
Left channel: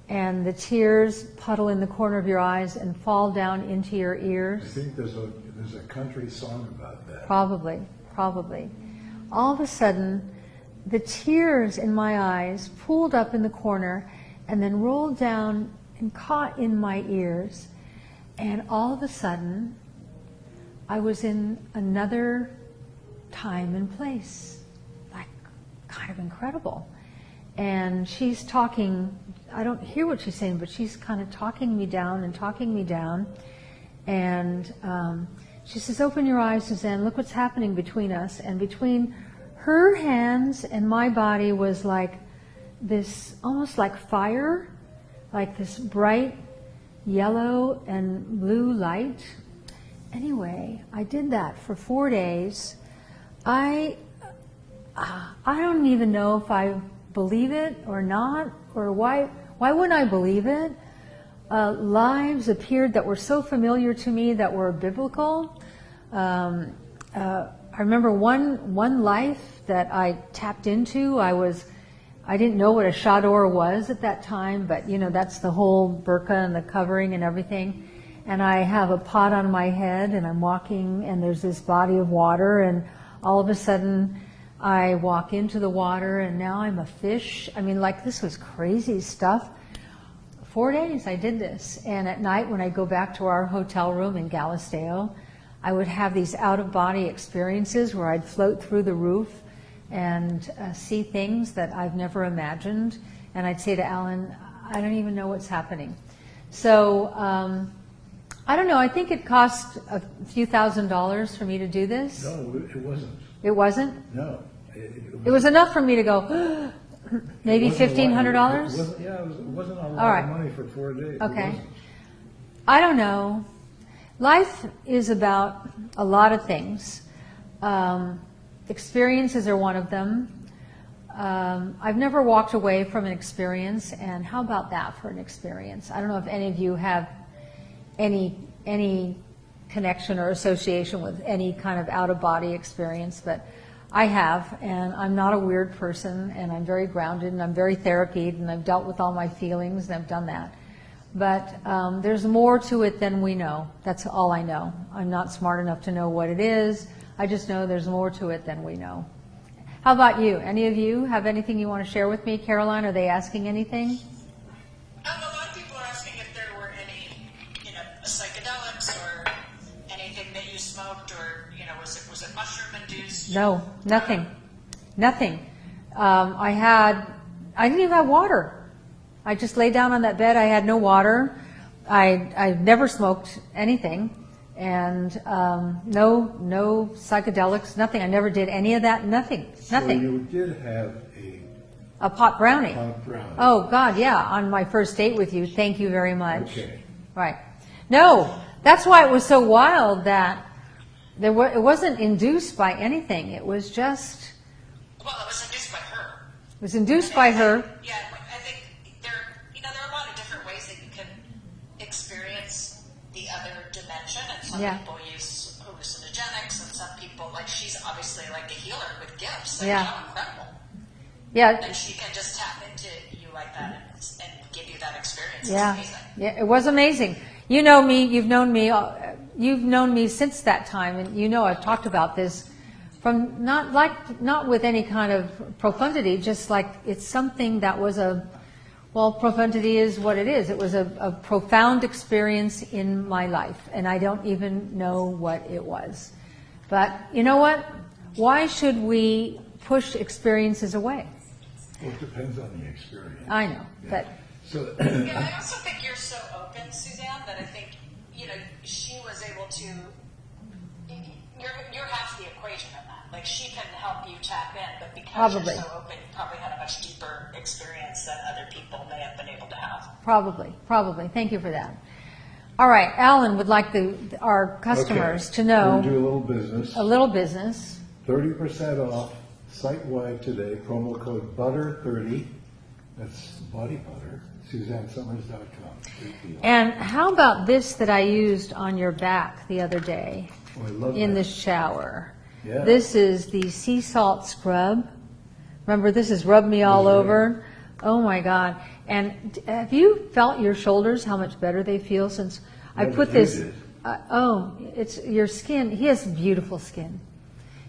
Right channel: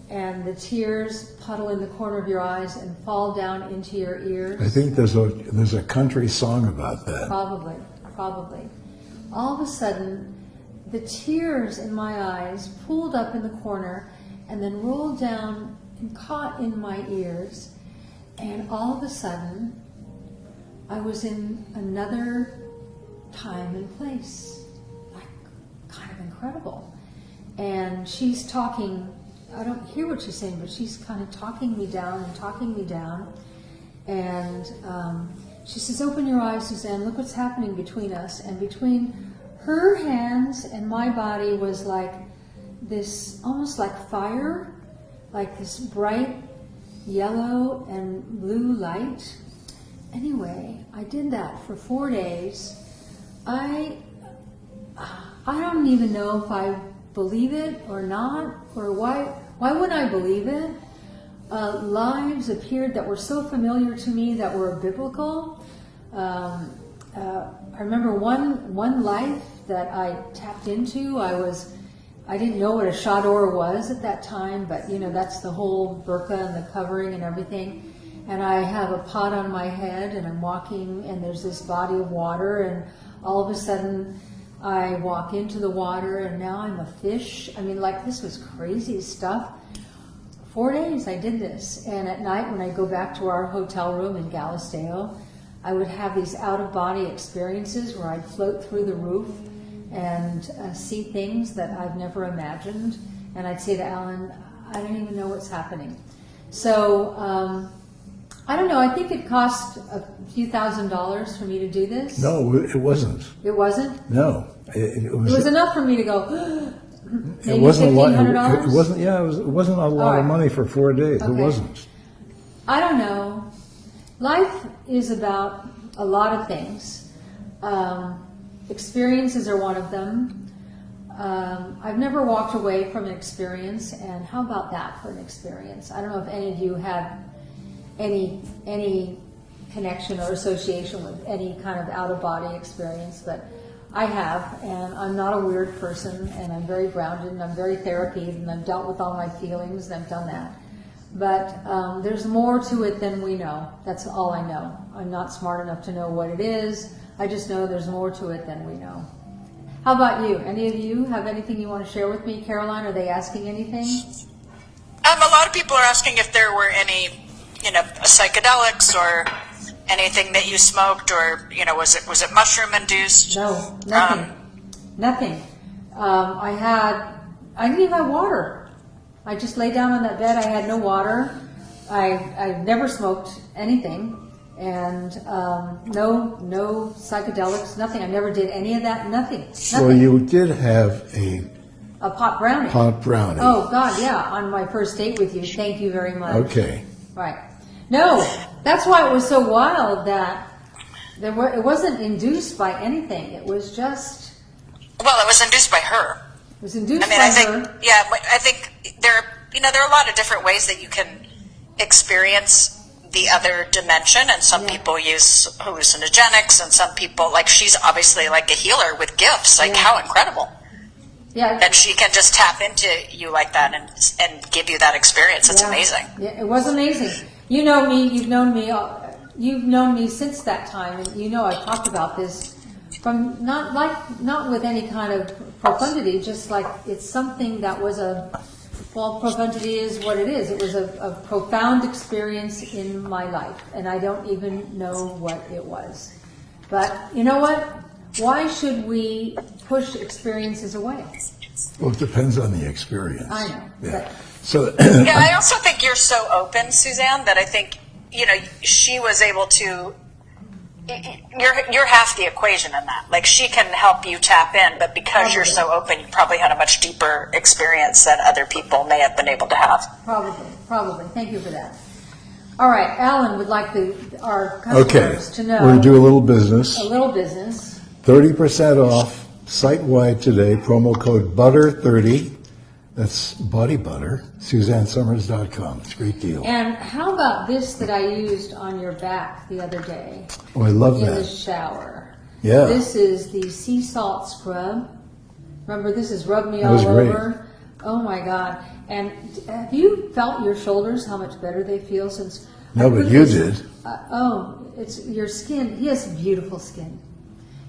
and the tears puddle in the corner of your eyes and fall down into your ears? I think there's a country song about that. Probably. All of a sudden, the tears in my eyes pooled up in the corner and then rolled down and caught in my ears. And all of a sudden, I was in another time and place. Like, kind of incredible. And she's talking, I don't hear what she's saying, but she's kind of talking me down. And she says, open your eyes, Suzanne, look what's happening between us. And between her hands and my body was like this, almost like fire, like this bright yellow and blue light. Anyway, I did that for 4 days. I don't even know if I believe it or not, or why wouldn't I believe it? Lives appeared that were so familiar to me that were biblical. I remember one life that I tapped into. I didn't know what a chador was at that time, but that's the whole burqa and the covering and everything. And I have a pot on my head, and I'm walking, and there's this body of water, and all of a sudden I walk into the water, and now I'm a fish. I mean, like, this was crazy stuff. 4 days I did this, and at night when I go back to our hotel room in Galisteo, I would have these out-of-body experiences where I'd float through the roof and see things that I've never imagined. And I'd say to Alan, I don't even know what's happening. So, I don't know, I think it cost a few $1,000s for me to do this. No, it wasn't. It wasn't? No. It was enough for me to go, maybe $1,500? It wasn't, it wasn't a lot of money for 4 days. Okay. It wasn't. I don't know. Life is about a lot of things. Experiences are one of them. I've never walked away from an experience, and how about that for an experience? I don't know if any of you have any connection or association with any kind of out-of-body experience, but I have, and I'm not a weird person, and I'm very grounded, and I'm very therapied, and I've dealt with all my feelings, and I've done that. But there's more to it than we know. That's all I know. I'm not smart enough to know what it is. I just know there's more to it than we know. How about you? Any of you have anything you want to share with me? Caroline, are they asking anything? A lot of people are asking if there were any, psychedelics or anything that you smoked, or was it mushroom induced? No, nothing. Nothing. I didn't even have water. I just lay down on that bed. I had no water. I never smoked anything, and no psychedelics, nothing. I never did any of that. Nothing. So you did have a pot brownie. Pot brownie. Oh God, yeah. On my first date with you. Thank you very much. Okay. Right. No, that's why it was so wild that It wasn't induced by anything. It was just. Well, it was induced by her. It was induced I by think, her. Yeah, I think there are a lot of different ways that you can experience the other dimension, and some people use hallucinogenics, and some people, like, she's obviously like a healer with gifts. Like, how incredible. Yeah. That she can just tap into you like that and give you that experience. It's amazing. Yeah, it was amazing. You know me, you've known me since that time, and you know I've talked about this from not with any kind of profundity, just like it's something that was profundity is what it is. It was a profound experience in my life, and I don't even know what it was. But you know what? Why should we push experiences away? Well, it depends on the experience. I know. Yeah. So, I also think you're so open, Suzanne, that I think, she was able to, you're half the equation in that. Like, she can help you tap in, but because you're so open, you probably had a much deeper experience that other people may have been able to have. Probably. Thank you for that. All right, Alan would like our customers to know. We're going to do a little business. 30% off site-wide today, promo code BUTTER30. That's body butter, SuzanneSummers.com. It's a great deal. And how about this that I used on your back the other day? Oh, I love that. In the shower. Yeah. This is the sea salt scrub. Remember, this is Rub Me All great. Over. Oh my God. And have you felt your shoulders, how much better they feel since No, I but put you this, did. It's your skin. He has beautiful skin.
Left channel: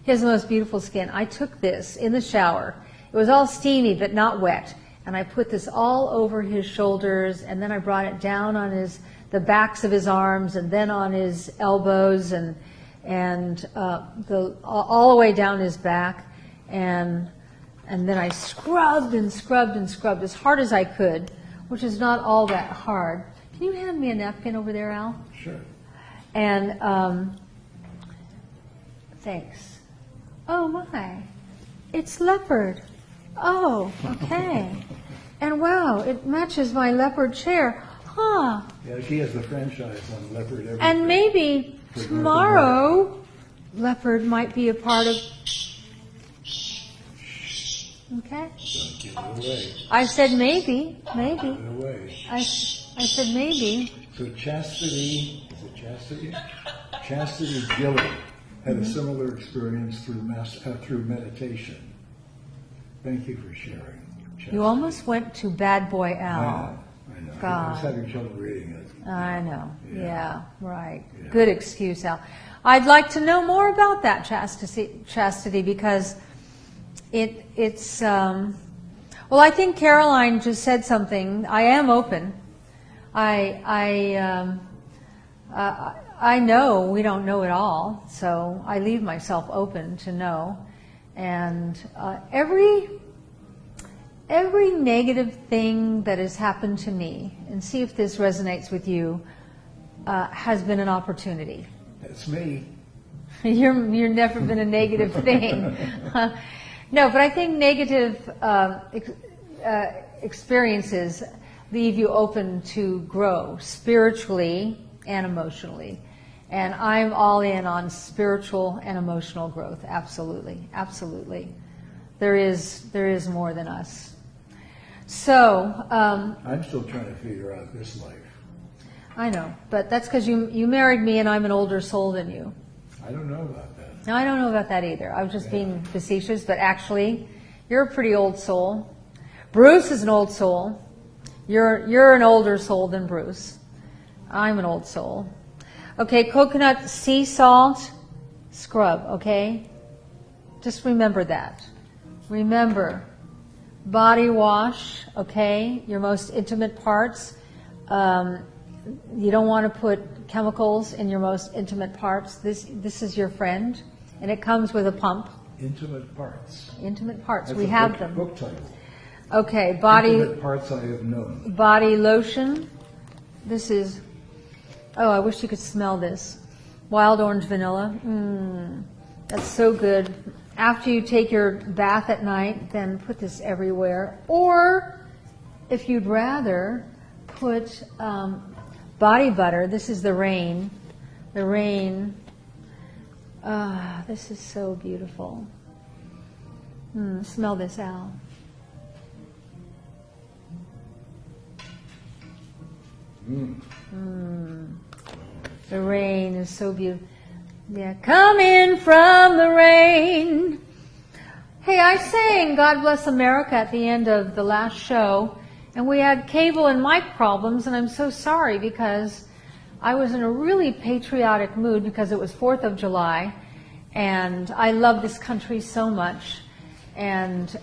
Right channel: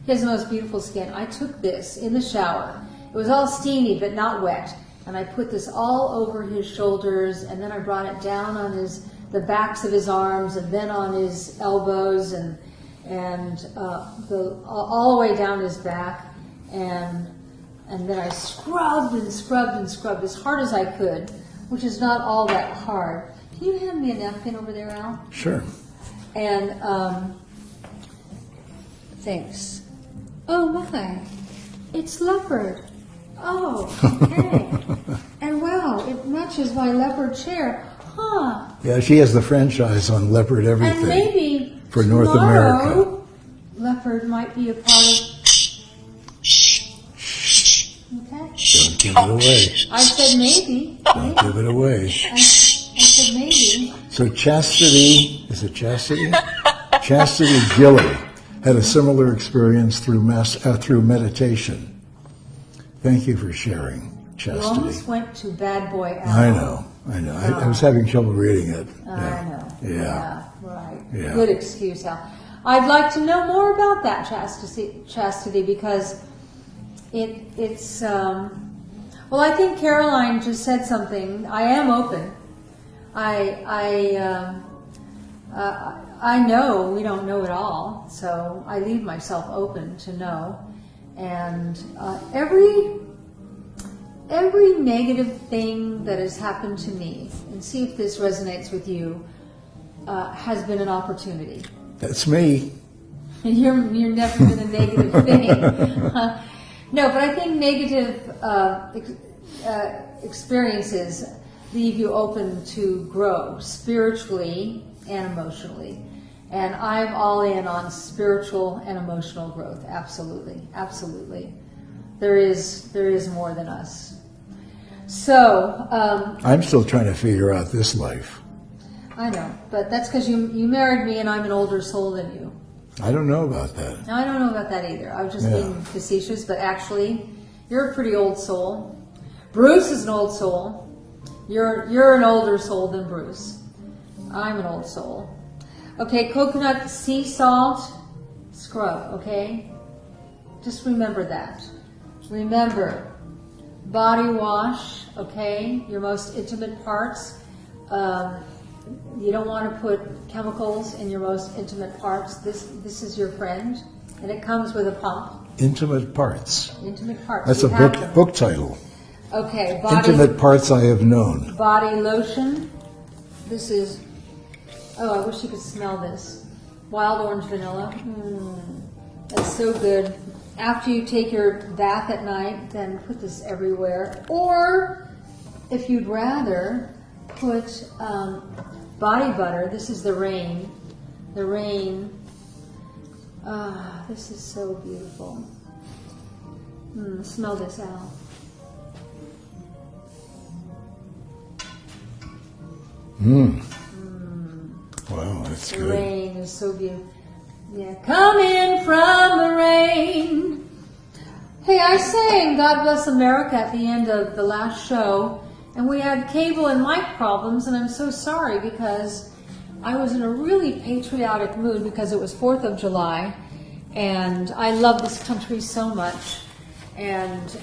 He has the most beautiful skin. I took this in the shower. It was all steamy, but not wet. And I put this all over his shoulders, and then I brought it down on the backs of his arms, and then on his elbows, and all the way down his back, and then I scrubbed and scrubbed and scrubbed as hard as I could, which is not all that hard. Can you hand me a napkin over there, Al? Sure. And thanks. Oh my, it's leopard. Oh, okay. And wow, it matches my leopard chair. Huh. Yeah, she has the franchise on leopard everything. And maybe for North tomorrow, America. Leopard might be a part of. Okay. Don't give it away. I said maybe. Don't give it away. I said maybe. So Chastity, is it Chastity? Chastity Gilly had a similar experience through meditation. Thank you for sharing, Chastity. You almost went to Bad Boy Al. I know. I was having trouble reading it. I know. Yeah. Right. Yeah. Good excuse, Al. I'd like to know more about that chastity because it's. Well, I think Caroline just said something. I am open. I know we don't know it all, so I leave myself open to know. And every negative thing that has happened to me, and see if this resonates with you, has been an opportunity. That's me. You're never been a negative thing. No, but I think negative experiences leave you open to grow spiritually and emotionally. And I'm all in on spiritual and emotional growth. Absolutely. Absolutely. There is more than us. So. I'm still trying to figure out this life. I know, but that's because you married me and I'm an older soul than you. I don't know about that. No, I don't know about that either. I was just being facetious, but actually, you're a pretty old soul. Bruce is an old soul. You're an older soul than Bruce. I'm an old soul. Okay, coconut sea salt scrub, okay? Just remember that. Remember, body wash, okay? Your most intimate parts. You don't want to put chemicals in your most intimate parts. This is your friend, and it comes with a pump. Intimate parts. Intimate parts. That's we a book title. Okay, Intimate Parts I Have Known. Body lotion. This is. Oh, I wish you could smell this. Wild orange vanilla. That's so good. After you take your bath at night, then put this everywhere. Or, if you'd rather, put body butter. This is the Rain. The Rain This is so beautiful. Smell this out. Wow, that's The good. rain is so beautiful. Yeah, come in from the rain. Hey, I sang God Bless America at the end of the last show, and we had cable and mic problems, and I'm so sorry because I was in a really patriotic mood because it was 4th of July, and I love this country so much, and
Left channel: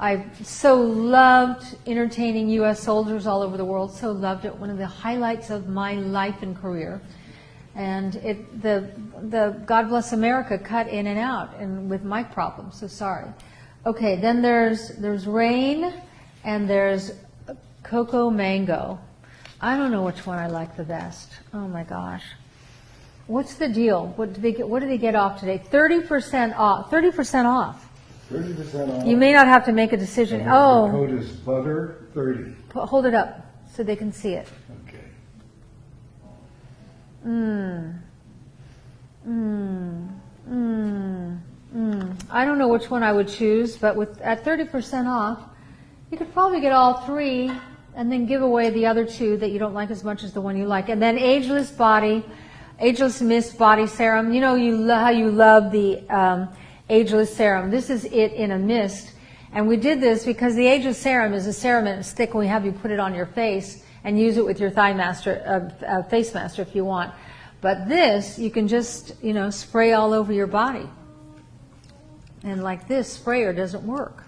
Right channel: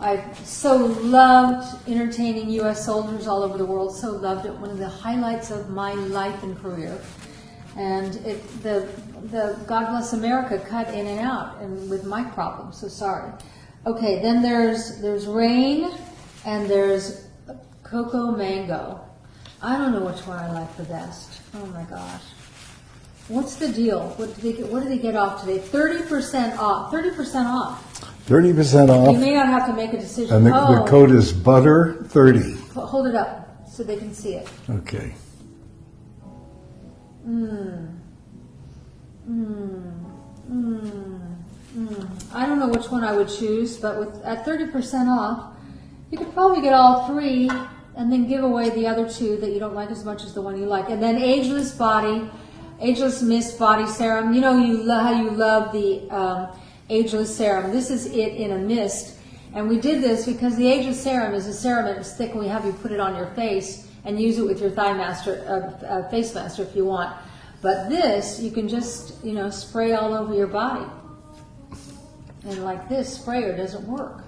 I so loved entertaining U.S. soldiers all over the world, so loved it, one of the highlights of my life and career. And the God Bless America cut in and out and with mic problems, so sorry. Okay, then there's rain and there's cocoa mango. I don't know which one I like the best. Oh my gosh. What's the deal? What do they get off today? 30% off. 30% off. 30% off. You may not have to make a decision. And the code is butter 30. Hold it up so they can see it. Okay. I don't know which one I would choose, but at 30% off, you could probably get all three and then give away the other two that you don't like as much as the one you like. And then Ageless Mist Body Serum. You know how you love the Ageless Serum. This is it in a mist. And we did this because the Ageless Serum is a serum and it's thick, and we have you put it on your face and use it with your face master if you want. But this, you can just, spray all over your body. And like this sprayer doesn't work.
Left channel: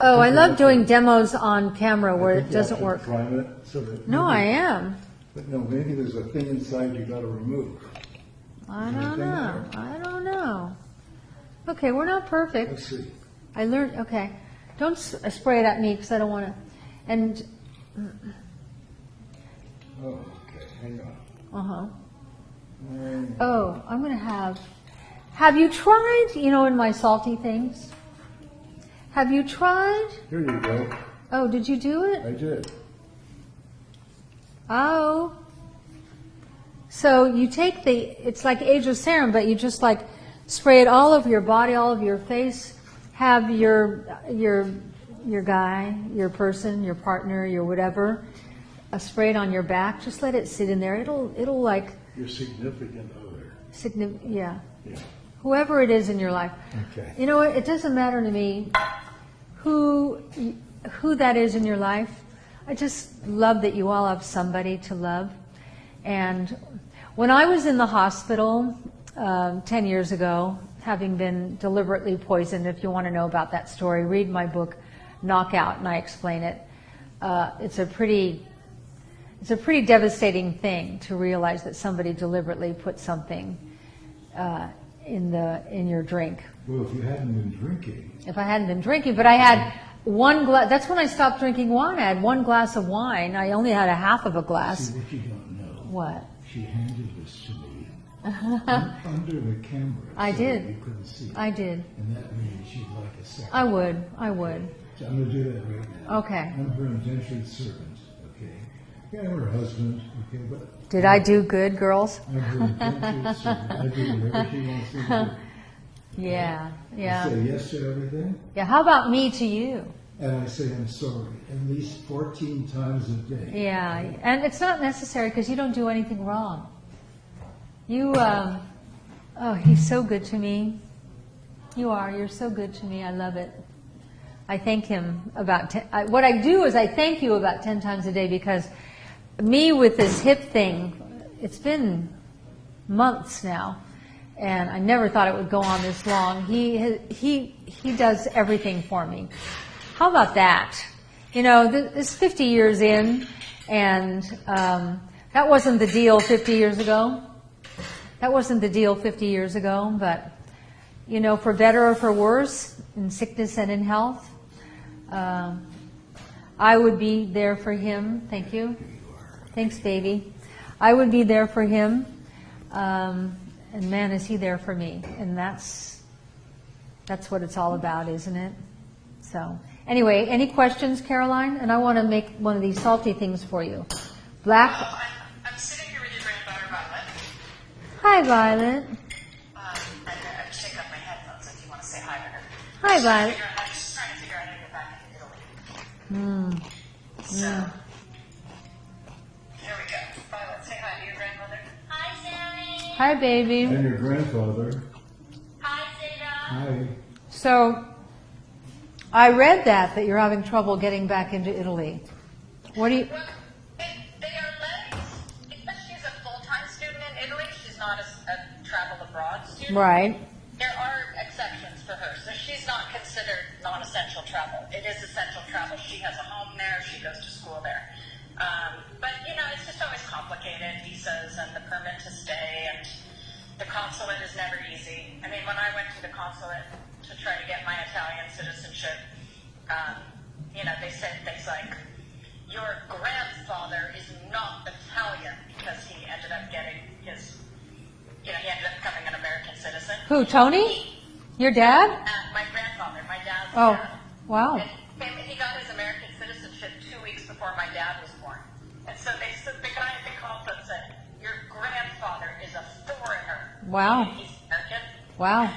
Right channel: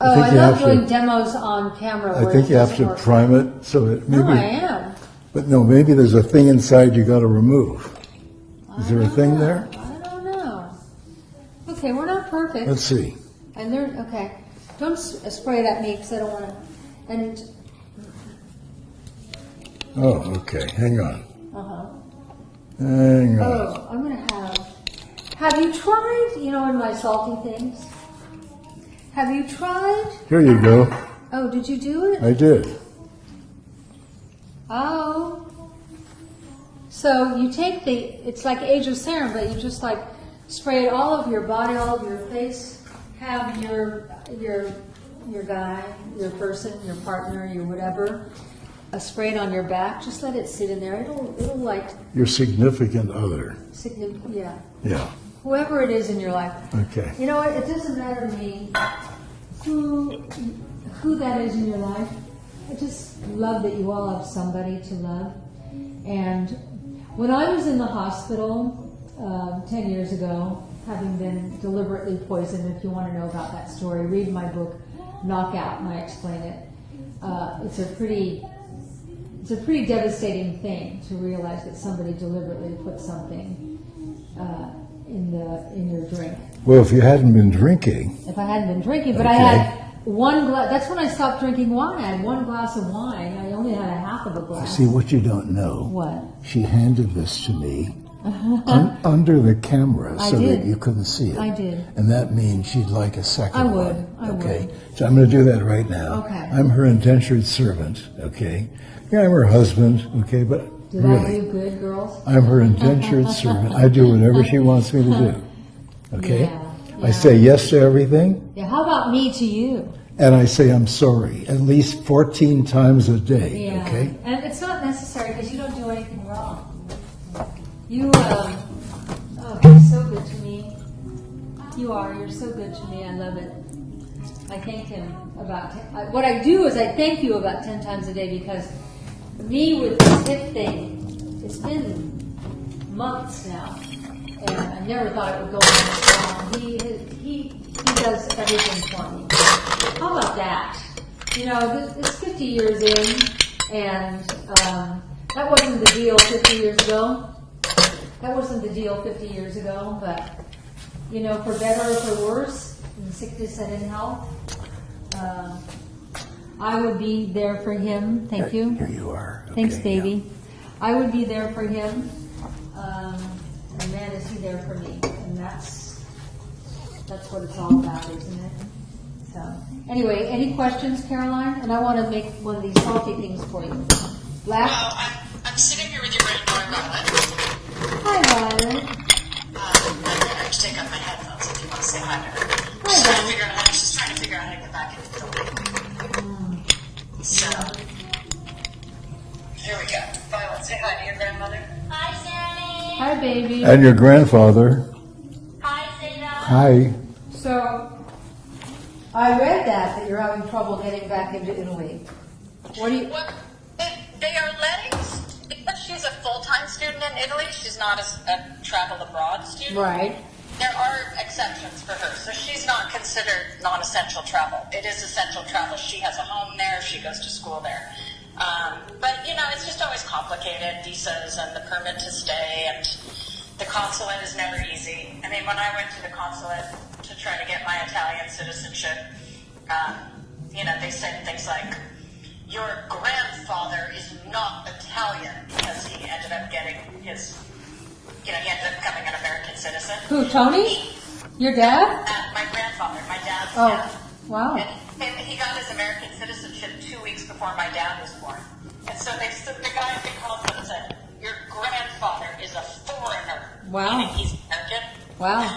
Oh, I love doing demos on camera where it doesn't work. I think you have to prime it so that maybe... No, I am. But no, maybe there's a thing inside you got to remove. Is there a thing there? I don't know. Okay, we're not perfect. Let's see. I learned, okay. Don't spray it at me because I don't want it. And... Oh, okay. Hang on. Hang on. Oh, I'm going to have you tried, in my salty things? Have you tried? Here you go. Oh, did you do it? I did. Oh. So you take it's like Ageless Serum, but you just spray it all over your body, all over your face. Have your guy, your person, your partner, your whatever, spray it on your back. Just let it sit in there. It'll your significant other. Yeah. Yeah. Whoever it is in your life. Okay. You know what? It doesn't matter to me who that is in your life. I just love that you all have somebody to love. And when I was in the hospital 10 years ago, having been deliberately poisoned, if you want to know about that story, read my book, Knockout, and I explain it. It's a pretty devastating thing to realize that somebody deliberately put something in your drink. Well, if you hadn't been drinking. If I hadn't been drinking, but I had one glass. That's when I stopped drinking wine. I had one glass of wine. I only had a half of a glass. See, what you don't know. What? She handed this to me under the camera so that you couldn't see it. I did. And that means she'd like a second one. I would. So I'm going to do that right now. Okay. I'm her indentured servant, okay? Yeah, I'm her husband, okay? But did I do good, girls? I'm her indentured servant. I do whatever she wants me to do. Okay? Yeah. I say yes to everything. Yeah, how about me to you? And I say I'm sorry at least 14 times a day. Yeah. Okay? And it's not necessary because you don't do anything wrong. You, you're so good to me. You're so good to me. I love it. I thank him about what I do is I thank you about 10 times a day because me with this hip thing, it's been months now, and I never thought it would go on this long. He does everything for me. How about that? This 50 years in, and that wasn't the deal 50 years ago. That wasn't the deal 50 years ago, but for better or for worse, in sickness and in health, I would be there for him. Thank you. Here you are. Okay, thanks, baby. Yeah. I would be there for him, and man, is he there for me. And that's what it's all about, isn't it? So, anyway, any questions, Caroline? And I want to make one of these salty things for you. Black. Well, I'm sitting here with your granddaughter, Hi, Violet. I have to take off my headphones if you want to say hi to her. Hi, Violet. She's trying to figure out how to get back into the building. So, here we go. Violet, say hi to your grandmother. Hi, Sammy. Hi, baby. And your grandfather. Hi, Sarah. Hi. So, I read that you're having trouble getting back into Italy. What do you? Well, they are letting, because she's a full-time student in Italy, she's not a travel abroad student. Right. There are exceptions for her, so she's not considered non-essential travel. It is essential travel. She has a home there, she goes to school there. But, it's just always complicated, visas and the permit to stay, and the consulate is never easy. I mean, when I went to the consulate to try to get my Italian citizenship, they said things like, your grandfather is not Italian, because he ended up getting his, he ended up becoming an American citizen. Who, Tony? Your dad? My grandfather, my dad's Oh, dad. wow. And he got his American citizenship 2 weeks before my dad was born. And so the guy at the consulate said, your grandfather is a foreigner. Wow. Meaning he's American. Wow.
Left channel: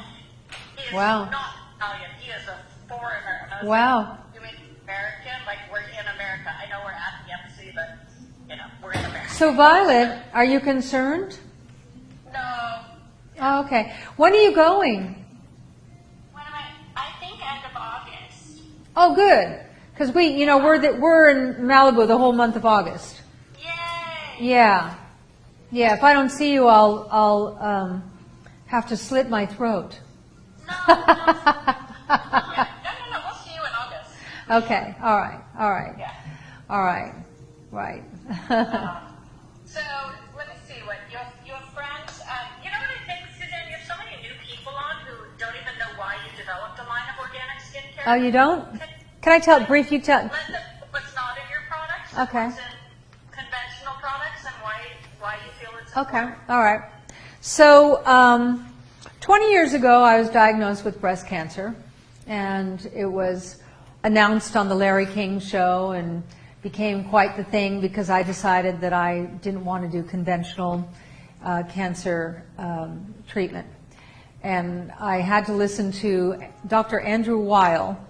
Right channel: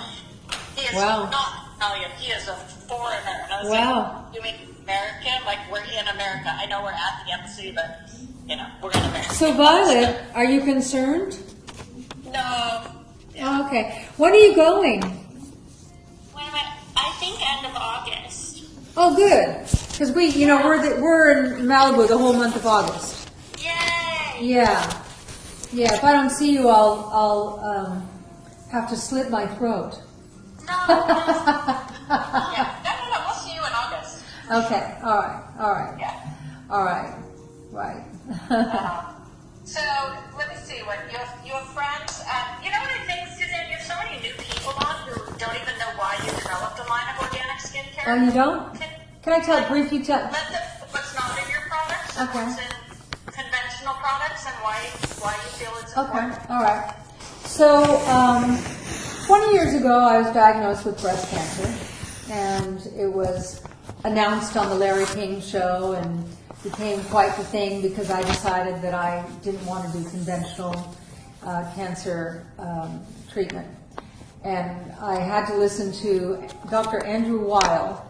He is Wow. not Italian. He is a foreigner. And I was Wow. like, you mean American? Like, we're in America. I know we're at the embassy, but, we're in America. So, Violet, are you concerned? No. Oh, okay. When are you going? Wait a minute. I think end of August. Oh, good. Because we're in Malibu the whole month of August. Yay! Yeah. Yeah. If I don't see you, I'll have to slit my throat. No. Yeah. No. We'll see you in August. Okay. All right. Yeah. All right. Right. So let me see. What you have friends? You know what I think, Suzanne? You have so many new people on who don't even know why you developed a line of organic skincare. Oh, you don't? Can I briefly tell? Let them what's not in your products. Okay. What's in conventional products and why you feel it's Okay. important. All right. So, 20 years ago, I was diagnosed with breast cancer, and it was announced on the Larry King show and became quite the thing because I decided that I didn't want to do conventional cancer treatment. And I had to listen to Dr. Andrew Weil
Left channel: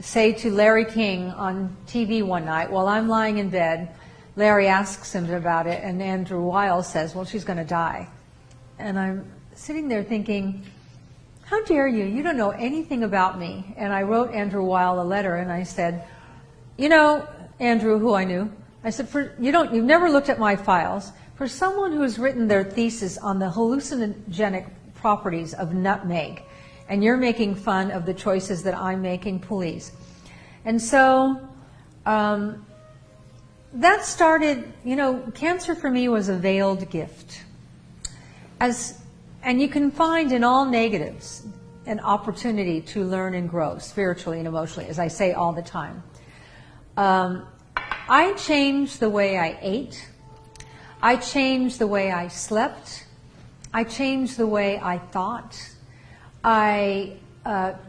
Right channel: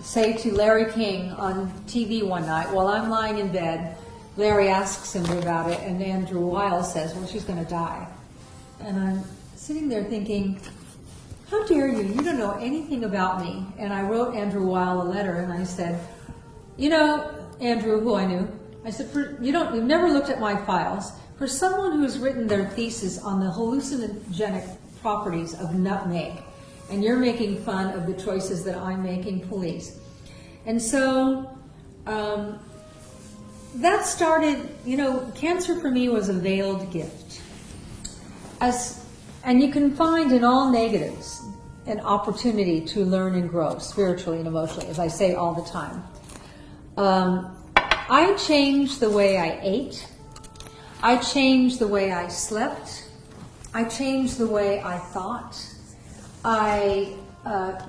say to Larry King on TV one night, while I'm lying in bed, Larry asks him about it, and Andrew Weil says, well, she's going to die. And I'm sitting there thinking, how dare you? You don't know anything about me. And I wrote Andrew Weil a letter, and I said, Andrew, who I knew, I said, you've never looked at my files. For someone who's written their thesis on the hallucinogenic properties of nutmeg, and you're making fun of the choices that I'm making, please. And so that started, cancer for me was a veiled gift. And you can find in all negatives an opportunity to learn and grow spiritually and emotionally, as I say all the time. I changed the way I ate. I changed the way I slept. I changed the way I thought. I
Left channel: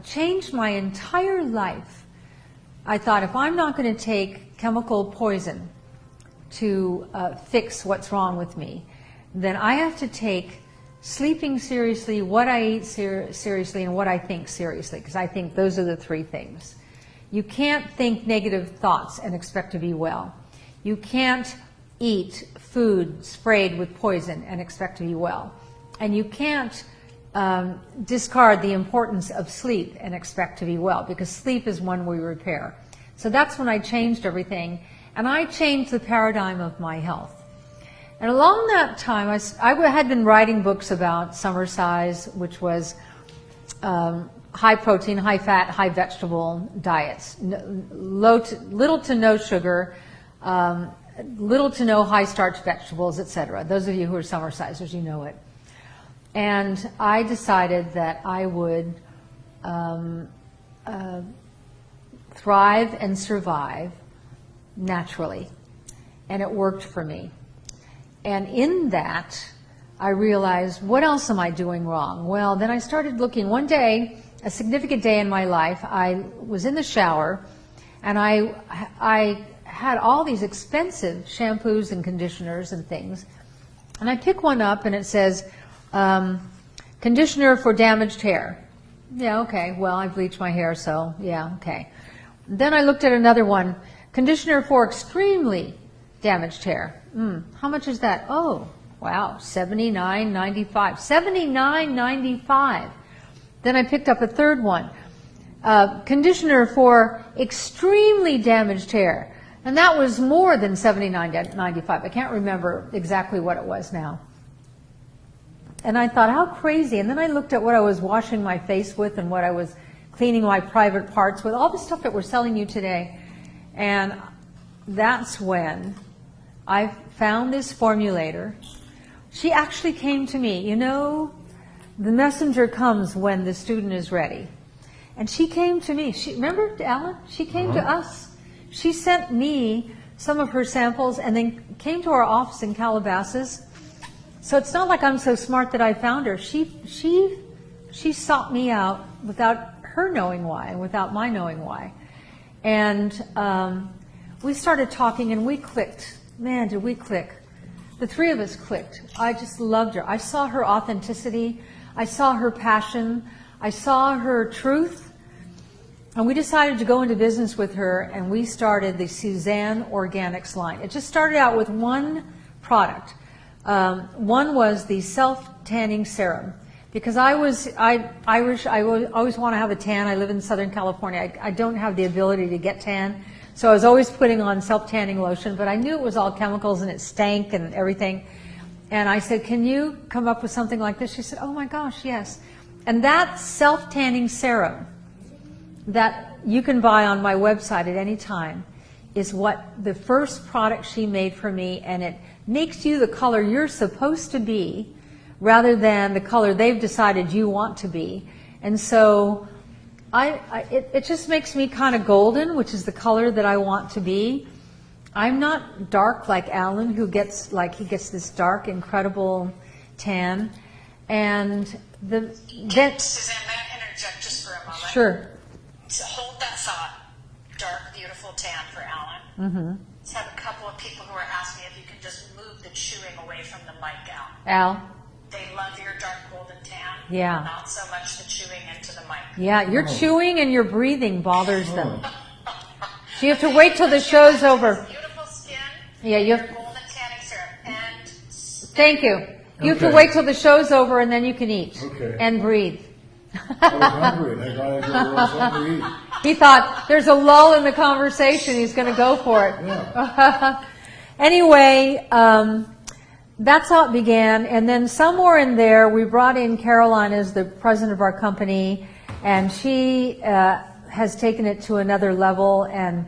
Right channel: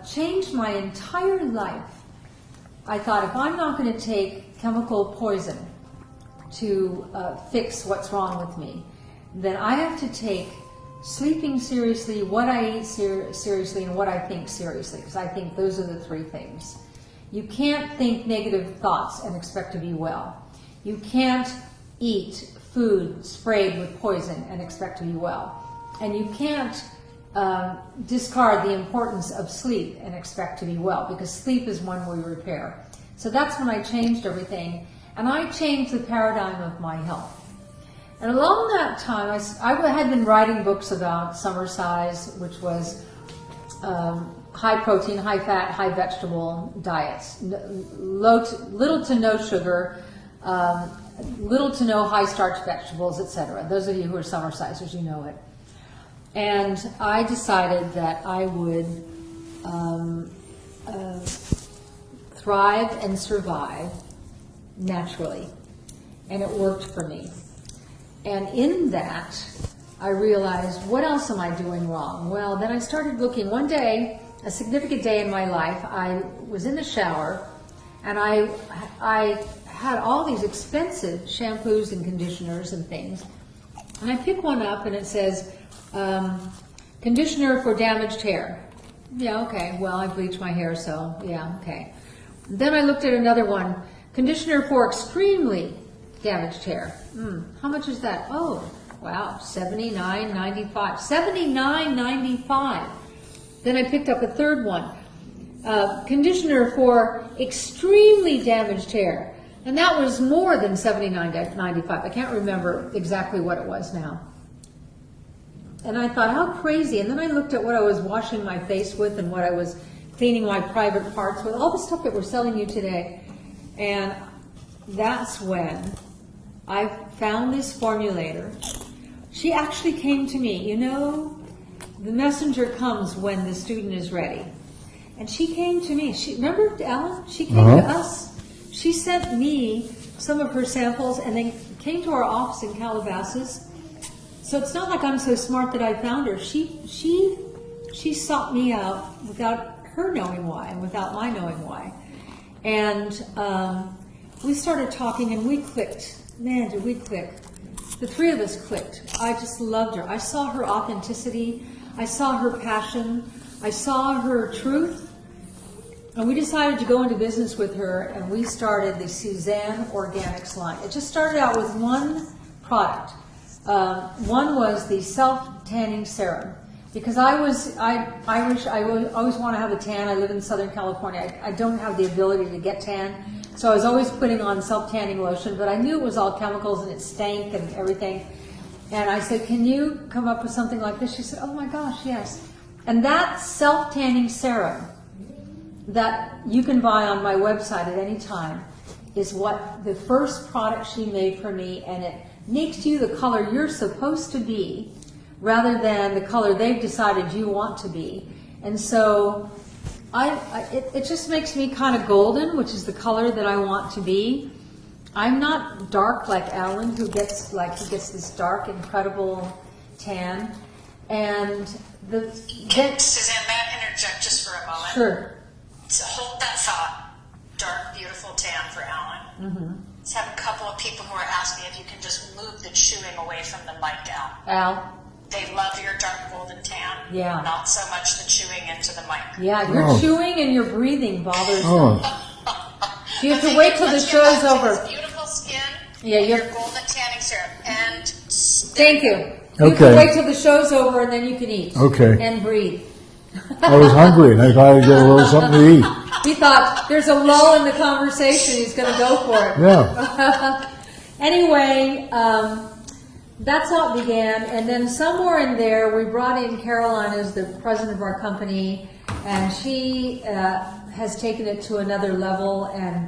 changed my entire life. I thought, if I'm not going to take chemical poison to fix what's wrong with me, then I have to take sleeping seriously, what I eat seriously, and what I think seriously, because I think those are the three things. You can't think negative thoughts and expect to be well. You can't eat food sprayed with poison and expect to be well. And you can't discard the importance of sleep and expect to be well, because sleep is one we repair. So that's when I changed everything, and I changed the paradigm of my health. And along that time, I had been writing books about Summer Size, which was high protein, high fat, high vegetable diets, little to no sugar, little to no high starch vegetables, etc. Those of you who are summer sizers, you know it. And I decided that I would thrive and survive naturally, and it worked for me. And in that, I realized, what else am I doing wrong? Well, then I started looking. One day, a significant day in my life, I was in the shower, and I had all these expensive shampoos and conditioners and things. And I pick one up, and it says, Conditioner for damaged hair. Yeah, okay, well, I bleach my hair, so yeah, okay. Then I looked at another one. Conditioner for extremely damaged hair. How much is that? Oh, wow, $79.95. $79.95. Then I picked up a third one. Conditioner for extremely damaged hair. And that was more than $79.95. I can't remember exactly what it was now. And I thought, how crazy. And then I looked at what I was washing my face with and what I was cleaning my private parts with, all the stuff that we're selling you today. And that's when I found this formulator. She actually came to me. You know, the messenger comes when the student is ready. And she came to me. Remember, Ellen? She came to us. She sent me some of her samples and then came to our office in Calabasas. So it's not like I'm so smart that I found her. She sought me out without her knowing why, without my knowing why. And we started talking and we clicked. Man, did we click. The three of us clicked. I just loved her. I saw her authenticity. I saw her passion. I saw her truth. And we decided to go into business with her, and we started the Suzanne Organics line. It just started out with one product. One was the self-tanning serum. Because Irish, I always want to have a tan. I live in Southern California. I don't have the ability to get tan. So I was always putting on self-tanning lotion, but I knew it was all chemicals and it stank and everything. And I said, can you come up with something like this? She said, oh my gosh, yes. And that self-tanning serum that you can buy on my website at any time is what the first product she made for me, and it makes you the color you're supposed to be rather than the color they've decided you want to be. And so it just makes me kind of golden, which is the color that I want to be. I'm not dark like Alan, who gets this dark, incredible tan. And then Suzanne, may I interject just for a moment? Sure. To hold that thought, dark, beautiful tan for Alan. Mm-hmm. Let's have a couple of people who are asking if you can just move the chewing away from the mic, Al. They love your dark golden tan. Yeah. Not so much the chewing into the mic. Yeah, your chewing and your breathing bothers them. So you have to wait till the Let's show's get back to over. this beautiful skin. Yeah, your golden tanning serum. And thank you. You can wait till the show's over and then you can eat. Okay. And breathe. I was hungry and I thought I'd get a little something to eat. He thought there's a lull in the conversation. He's going to go for it. Yeah. Anyway, that's how it began. And then somewhere in there, we brought in Caroline as the president of our company, and she has taken it to another level. And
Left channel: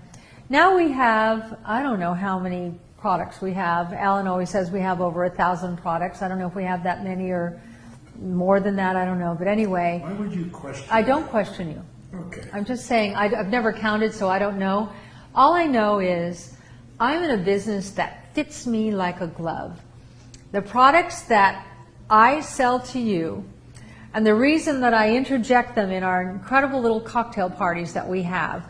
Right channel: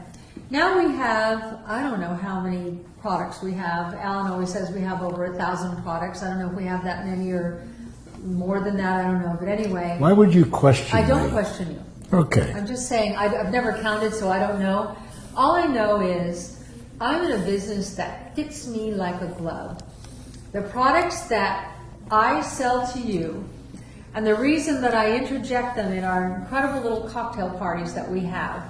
now we have, I don't know how many products we have. Alan always says we have over 1,000 products. I don't know if we have that many or more than that. I don't know. But anyway. Why would you question I don't me? question you. Okay. I'm just saying, I've never counted, so I don't know. All I know is I'm in a business that fits me like a glove. The products that I sell to you, and the reason that I interject them in our incredible little cocktail parties that we have,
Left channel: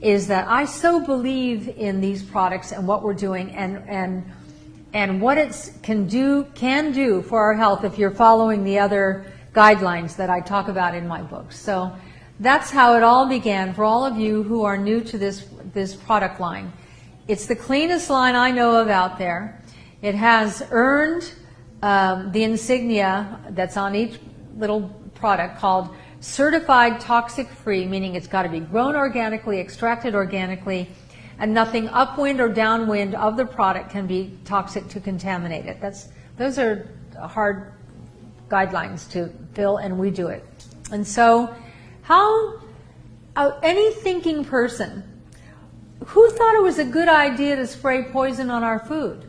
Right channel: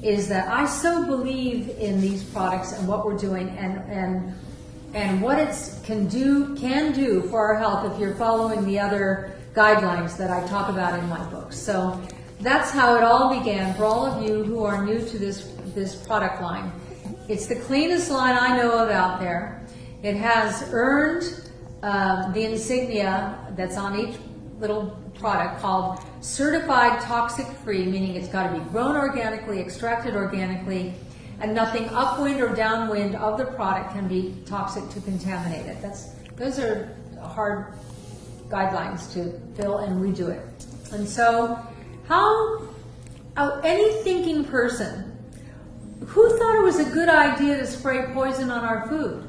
is that I so believe in these products and what we're doing and what it can do for our health if you're following the other guidelines that I talk about in my books. So that's how it all began for all of you who are new to this product line. It's the cleanest line I know of out there. It has earned the insignia that's on each little product called certified toxic free, meaning it's got to be grown organically, extracted organically, and nothing upwind or downwind of the product can be toxic to contaminate it. Those are hard guidelines to fill, and we do it. And so any thinking person, who thought it was a good idea to spray poison on our food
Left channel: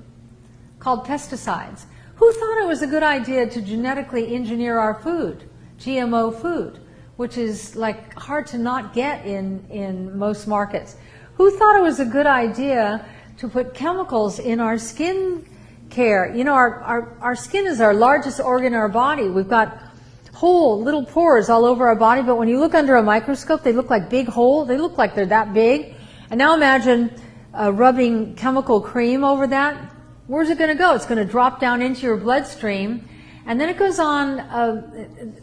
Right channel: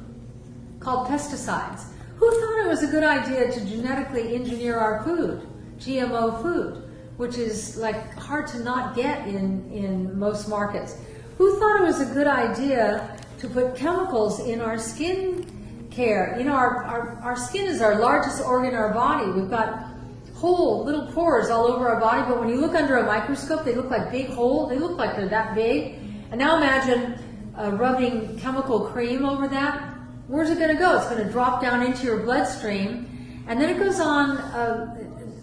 called pesticides? Who thought it was a good idea to genetically engineer our food, GMO food, which is like hard to not get in most markets? Who thought it was a good idea to put chemicals in our skin care? You know, our skin is our largest organ in our body. We've got whole little pores all over our body, but when you look under a microscope, they look like big holes. They look like they're that big. And now imagine rubbing chemical cream over that. Where's it going to go? It's going to drop down into your bloodstream, And then it goes on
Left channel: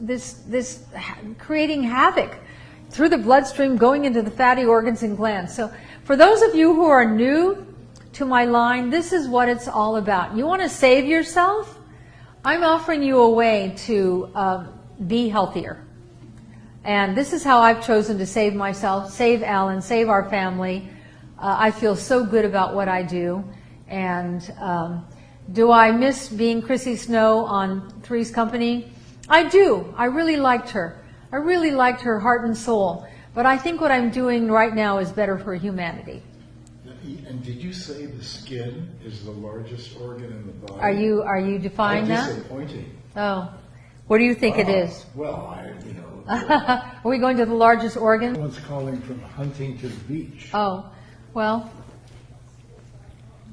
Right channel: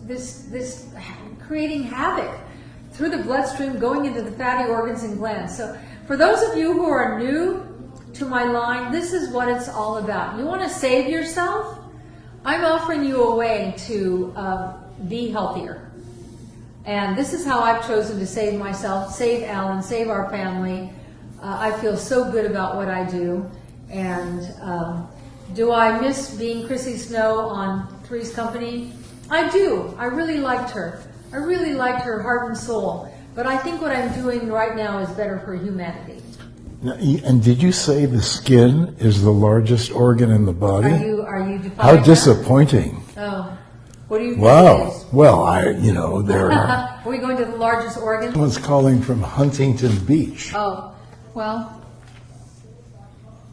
this creating havoc through the bloodstream, going into the fatty organs and glands. So for those of you who are new to my line, this is what it's all about. You want to save yourself? I'm offering you a way to be healthier. And this is how I've chosen to save myself, save Alan, save our family. I feel so good about what I do. And do I miss being Chrissy Snow on Three's Company? I do. I really liked her. I really liked her heart and soul. But I think what I'm doing right now is better for humanity. Now, and did you say the skin is the largest organ in the body? Are you defining How that? disappointing. Oh. What do you think Wow. it is? Well, there Are we going to the largest organ? Someone's calling from Huntington Beach. Oh, well,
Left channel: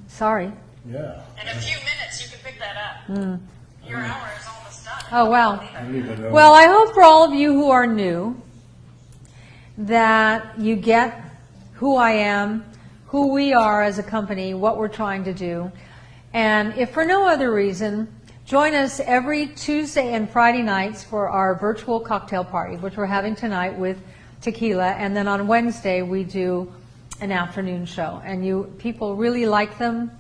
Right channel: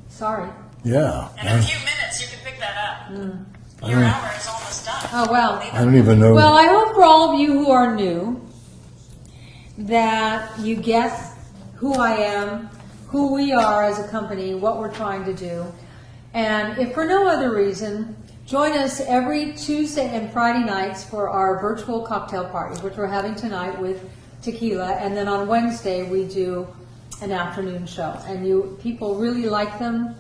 sorry. Yeah. In a few minutes, you can pick that up. Your hour is almost done. Oh, well. I don't even know. Well, I hope for all of you who are new that you get who I am, who we are as a company, what we're trying to do. And if for no other reason, join us every Tuesday and Friday nights for our virtual cocktail party, which we're having tonight with tequila. And then on Wednesday, we do an afternoon show. And people really like them.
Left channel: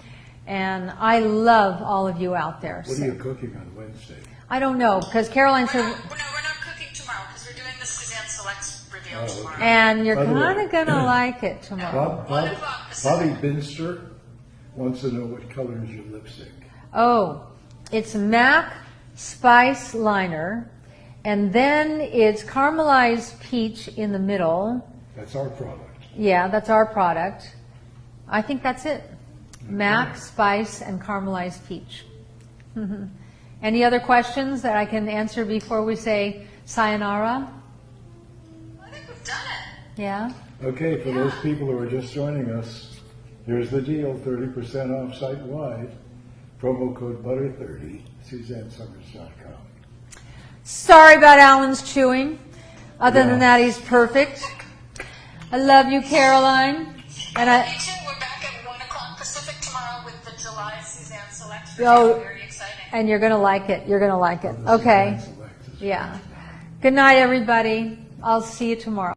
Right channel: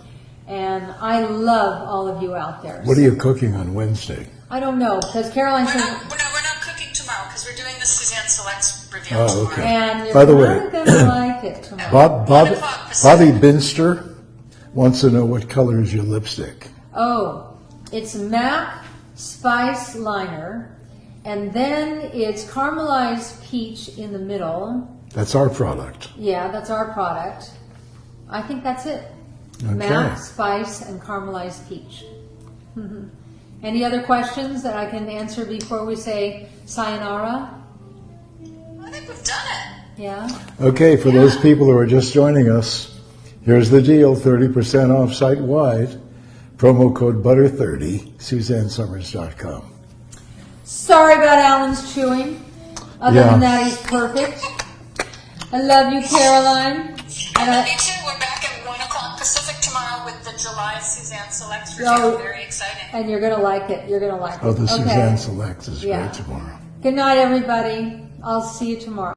And I love all of you out there. What are you cooking on Wednesday? I don't know, because Caroline said... We're not cooking tomorrow because we're doing the Suzanne Selects review Oh, tomorrow. okay. And you're By the kind way, of going to like it tomorrow. Bobby Binster wants to know what color is your lipstick. Oh, it's MAC Spice Liner, and then it's caramelized peach in the middle. That's our product. Yeah, that's our product. I think that's it. Okay. MAC Spice and caramelized peach. Any other questions that I can answer before we say sayonara? I think we've done it. Yeah. Okay, for those people who are just joining us, here's the deal, 30% off site-wide. Promo code BUTTER30, SuzanneSummers.com. Sorry about Alan's chewing. Other Yeah. than that, he's perfect. I love you, Caroline. And I love you too. We're back at 1 o'clock Pacific tomorrow with the July Suzanne Selects review. Oh. Very exciting. And you're going to like it. You're going to like it. Oh, the Okay. Suzanne Select is Yeah. great tomorrow. Good night, everybody. I'll see you tomorrow.